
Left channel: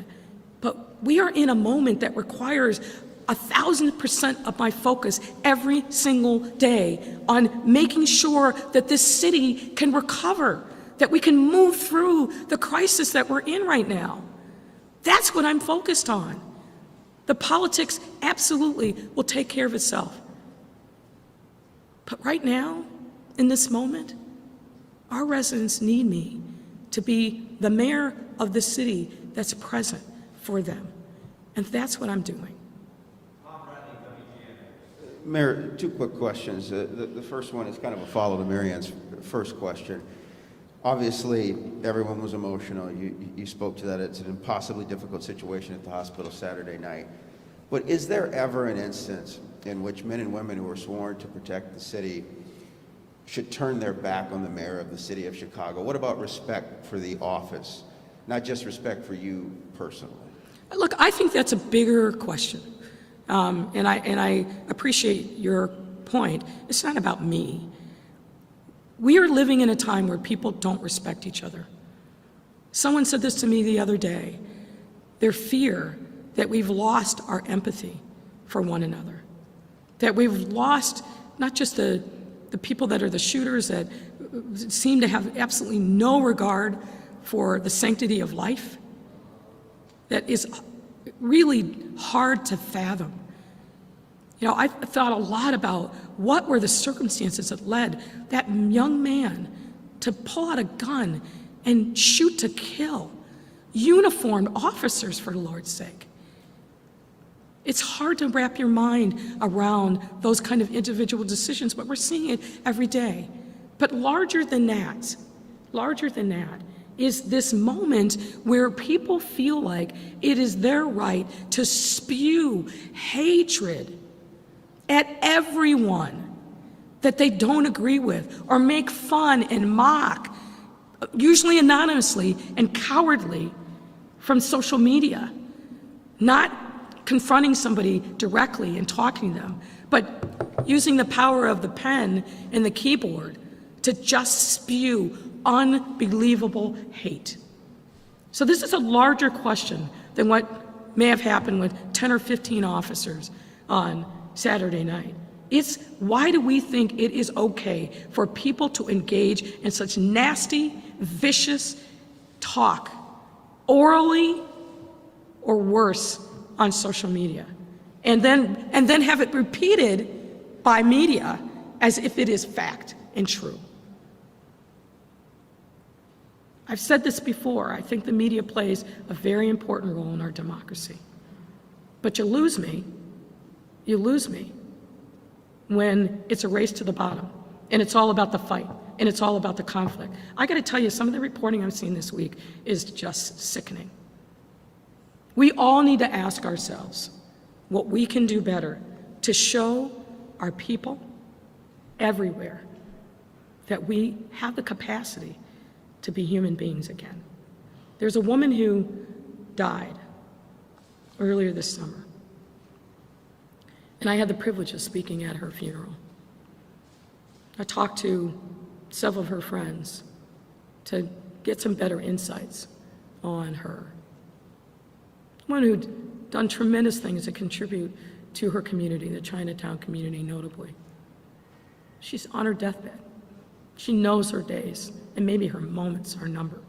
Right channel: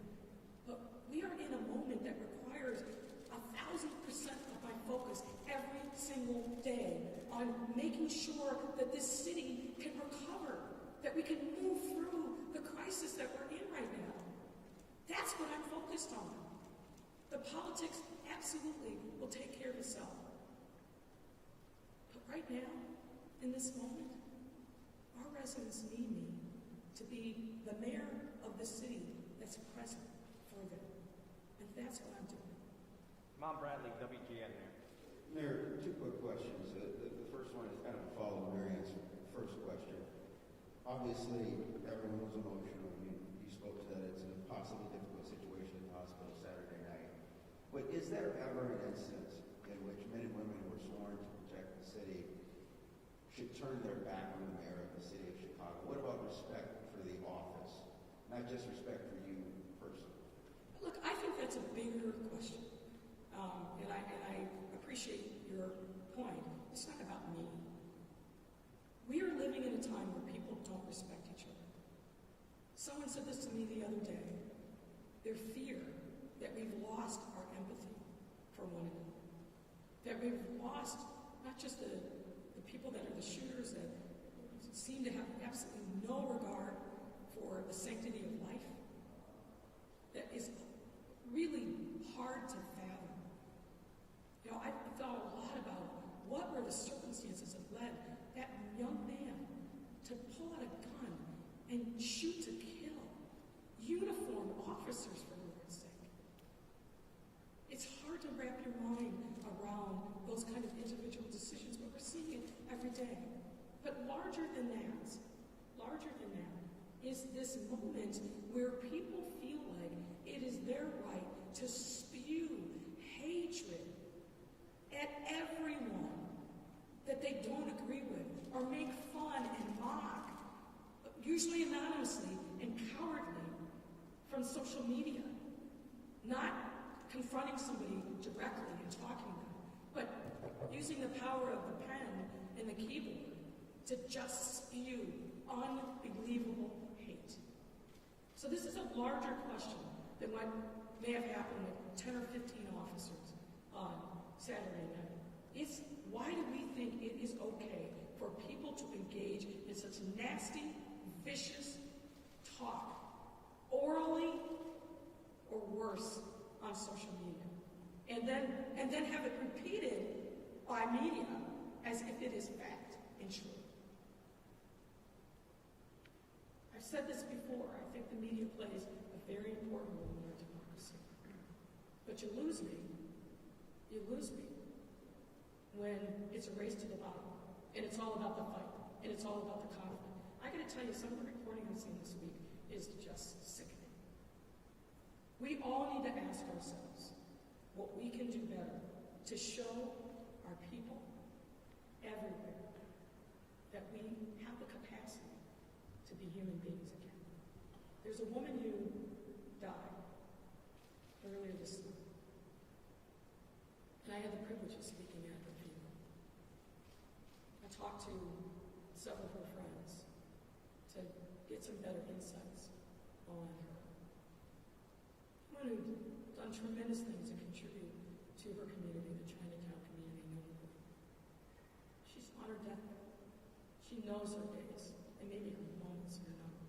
But we are in a moment that requires 1,000% of my focus every single day on making sure that this city can recover, that we can move through the crisis that we're in right now. That's what I'm focused on. The politics absolutely will take care of itself. But right now, in this moment, our residents need me to be the mayor of the city that's present for them. And that's what I'm doing. Mayor, two quick questions. The first one is kind of a follow to Marianne's first question. Obviously, everyone was emotional. You spoke to that. It's an impossibly difficult situation at the hospital Saturday night. But is there ever an instance in which men and women who are sworn to protect the city should turn their back on the mayor of the city of Chicago? What about respect for the office, not just respect for you personally? Look, I think that's a bigger question. And I appreciate your point. It's not about me. We are living in a time where people don't respect each other. Someone said this to me the other day. Their fear that we've lost our empathy for one another, that we've lost not just the people that are the shooters that seem to have absolutely no regard for the sanctity of life, that is really hard to fathom. You know, I've thought a lot about what were the circumstances that led that young man to pull out a gun and shoot to kill uniformed officers, for the Lord's sake. It's hard to wrap your mind around those kind of individual decisions, but we're seeing it every day. But larger than that is this moment where people feel like it is their right to spew hatred at everyone that they don't agree with, or make fun and mock, usually anonymously and cowardly, from social media. Not confronting somebody directly and talking to them, but using the power of the pen and the keyboard to just spew unbelievable hate. So this is a larger question than what may have happened with 10 or 15 officers on Saturday night. It's why do we think it is okay for people to engage in such nasty, vicious talk, orally or worse, on social media, and then have it repeated by media as if it is fact and true. I've said this before, I think the media plays a very important role in our democracy. But you lose me when it's a race to the bottom, and it's all about the fight, and it's all about the conflict. I gotta tell you, some of the reporting I've seen this week is just sickening. We all need to ask ourselves what we can do better to show our people everywhere that we have the capacity to be human beings again. There's a woman who died earlier this summer, and I had the privilege of speaking at her funeral. I talked to several of her friends to get some better insights on her. One who'd done tremendous things to contribute to her community, the Chinatown community notably. She's on her deathbed. She knows her days, and maybe her moments are numbered.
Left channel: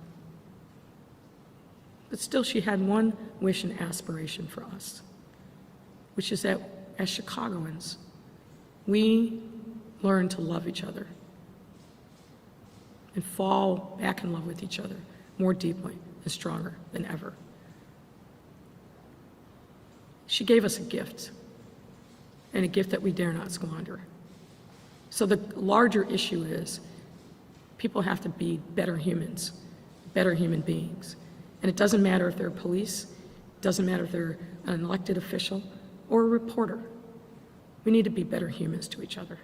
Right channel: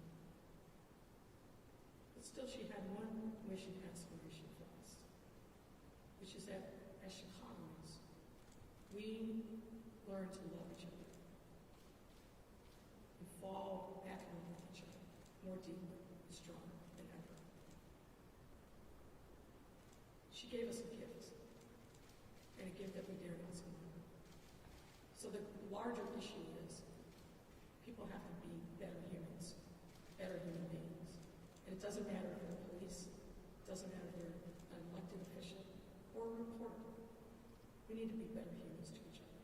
But still, she had one wish and aspiration for us, which is that as Chicagoans, we learn to love each other and fall back in love with each other more deeply and stronger than ever. She gave us a gift, and a gift that we dare not squander. So the larger issue is people have to be better humans, better human beings. And it doesn't matter if they're police, it doesn't matter if they're an elected official or a reporter. We need to be better humans to each other.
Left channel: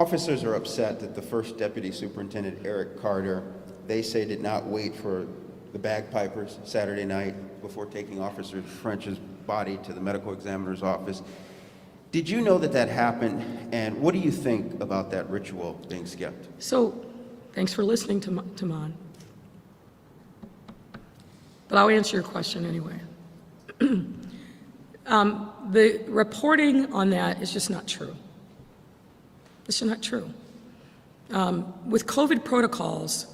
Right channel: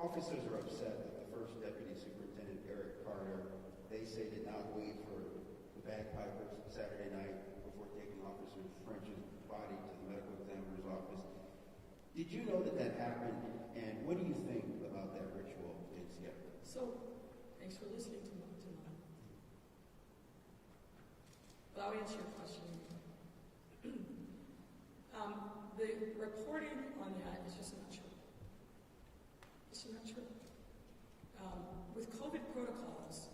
Officers are upset that the first Deputy Superintendent, Eric Carter, they say did not wait for the bagpipers Saturday night before taking Officer French's body to the medical examiner's office. Did you know that that happened, and what do you think about that ritual being skipped? So, thanks for listening, Taman. But I'll answer your question anyway. The reporting on that is just not true. It's just not true. With COVID protocols,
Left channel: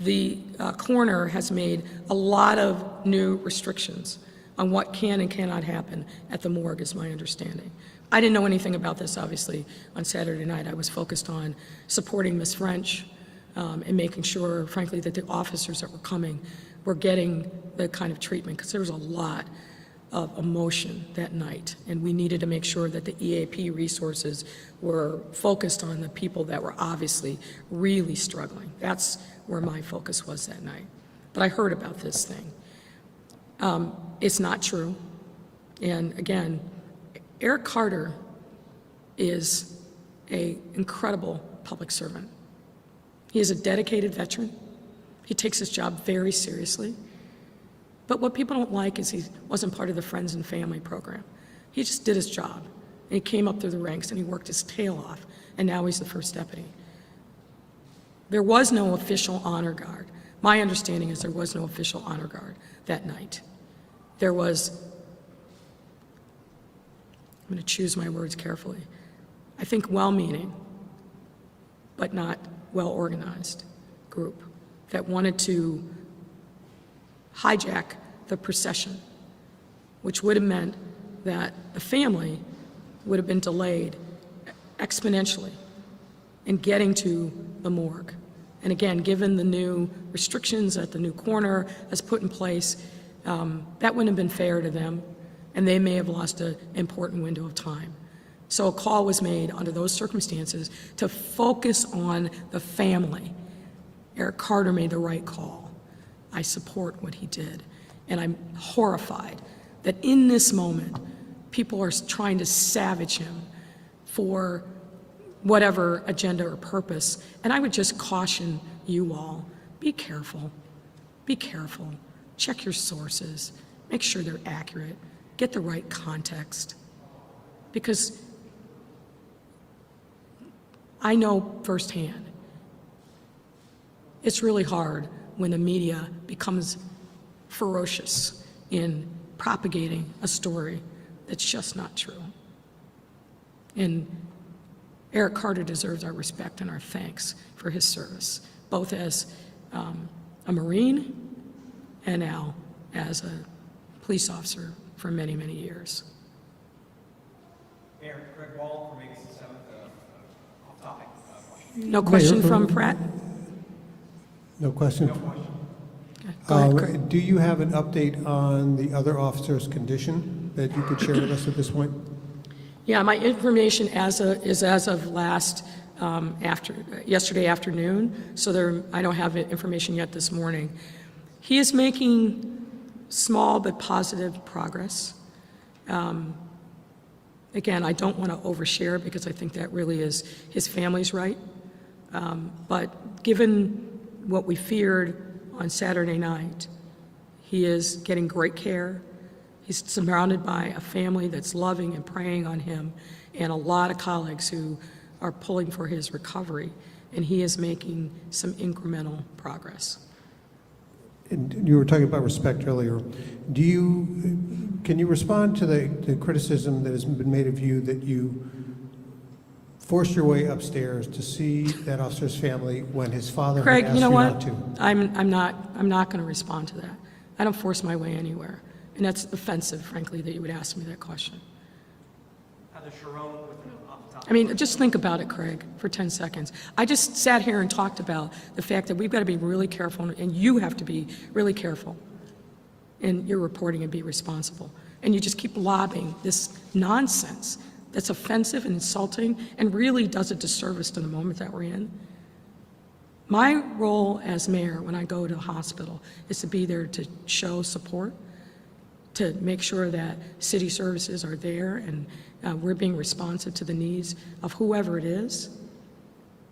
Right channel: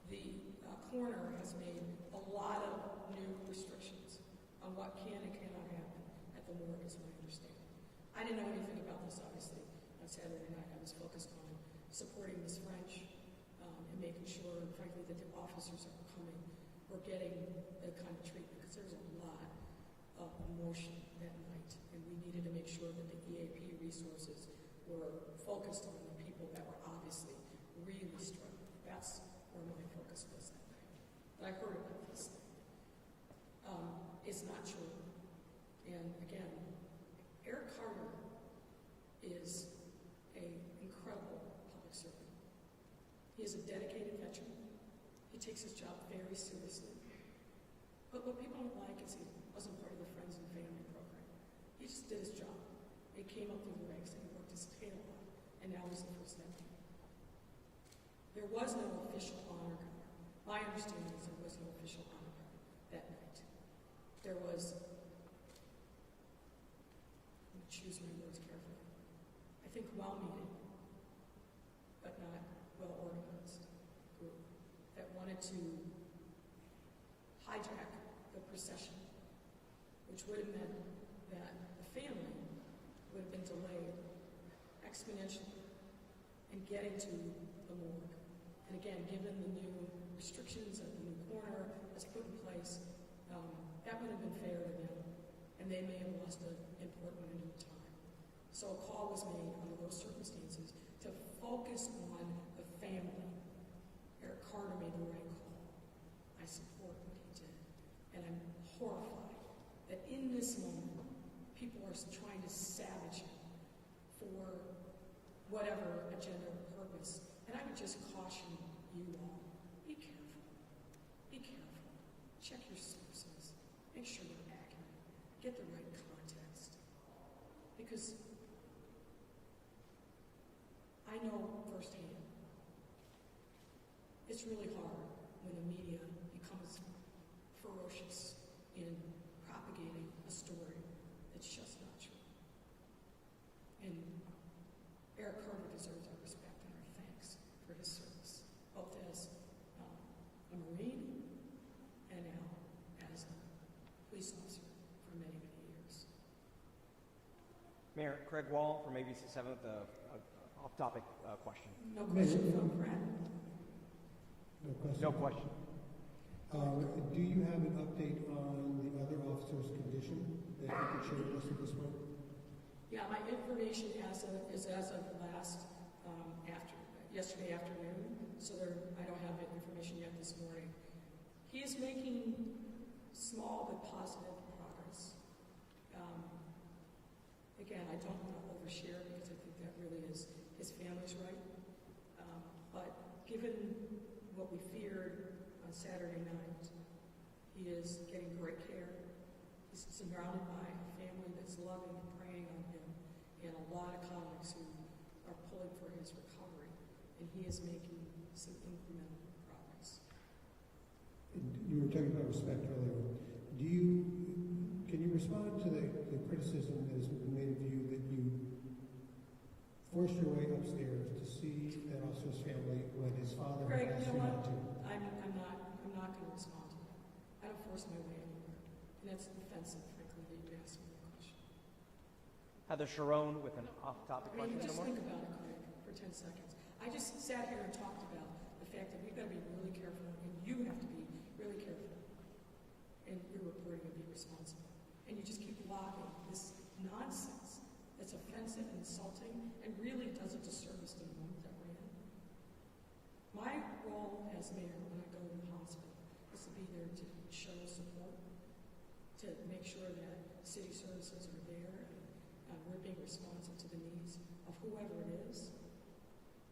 the coroner has made a lot of new restrictions on what can and cannot happen at the morgue, is my understanding. I didn't know anything about this, obviously, on Saturday night. I was focused on supporting Ms. French and making sure, frankly, that the officers that were coming were getting the kind of treatment, because there was a lot of emotion that night, and we needed to make sure that the EAP resources were focused on the people that were obviously really struggling. That's where my focus was that night. But I heard about this thing. It's not true. And again, Eric Carter is an incredible public servant. He is a dedicated veteran. He takes his job very seriously. But what people don't like is he wasn't part of the Friends and Family program. He just did his job. And he came up through the ranks and he worked his tail off. And now he's the first deputy. There was no official honor guard. My understanding is there was no official honor guard that night. There was, I'm going to choose my words carefully, I think well-meaning, but not well-organized group that wanted to hijack the procession, which would have meant that the family would have been delayed exponentially in getting to the morgue. And again, given the new restrictions that the new coroner has put in place, that wouldn't have been fair to them, and they may have lost an important window of time. So a call was made under those circumstances to focus on the family. Eric Carter made the right call. I support what he did, and I'm horrified that in this moment, people are trying to savage him for whatever agenda or purpose. And I would just caution you all, be careful. Be careful. Check your sources. Make sure they're accurate. Get the right context. Because I know firsthand, it's really hard when the media becomes ferocious in propagating a story that's just not true. And Eric Carter deserves our respect and our thanks for his service, both as a Marine and now as a police officer for many, many years. Mayor, Craig Wall from ABC 7, off-topic question. No question Mayor, from Pratt? No question? Okay, go ahead, Craig. Do you have an update on the other officer's condition that you could share with us at this point? Yeah, my information is as of yesterday afternoon, so I don't have information yet this morning. He is making small but positive progress. Again, I don't want to overshare because I think that really is his family's right. But given what we feared on Saturday night, he is getting great care. He's surrounded by a family that's loving and praying on him, and a lot of colleagues who are pulling for his recovery, and he is making some incremental progress. And you were talking about respect earlier. Can you respond to the criticism that has been made of you that you forced your way upstairs to see that officer's family when his father Craig, had asked you know what? not to? I'm not going to respond to that. I don't force my way anywhere, and that's offensive, frankly, that you would ask me that question. Heather Sharon with an off-topic. I mean, just think about it, Craig, for 10 seconds. I just sat here and talked about the fact that we've got to be really careful, and you have to be really careful in your reporting and be responsible. And you just keep lobbing this nonsense that's offensive and insulting and really does a disservice to the moment that we're in. My role as mayor when I go to the hospital is to be there to show support, to make sure that city services are there and we're being responsive to the needs of whoever it is.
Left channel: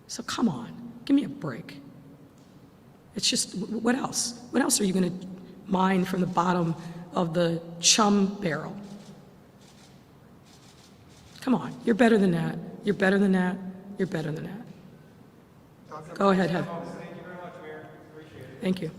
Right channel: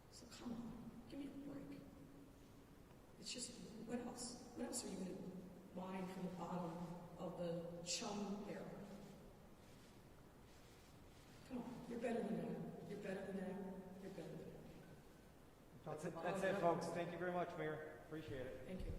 So come on, give me a break. It's just, what else? What else are you going to mine from the bottom of the chum barrel? Come on, you're better than that. You're better than that. You're better than that. Go ahead, Heather. Thank you very much, Mayor. Appreciate it. Thank you.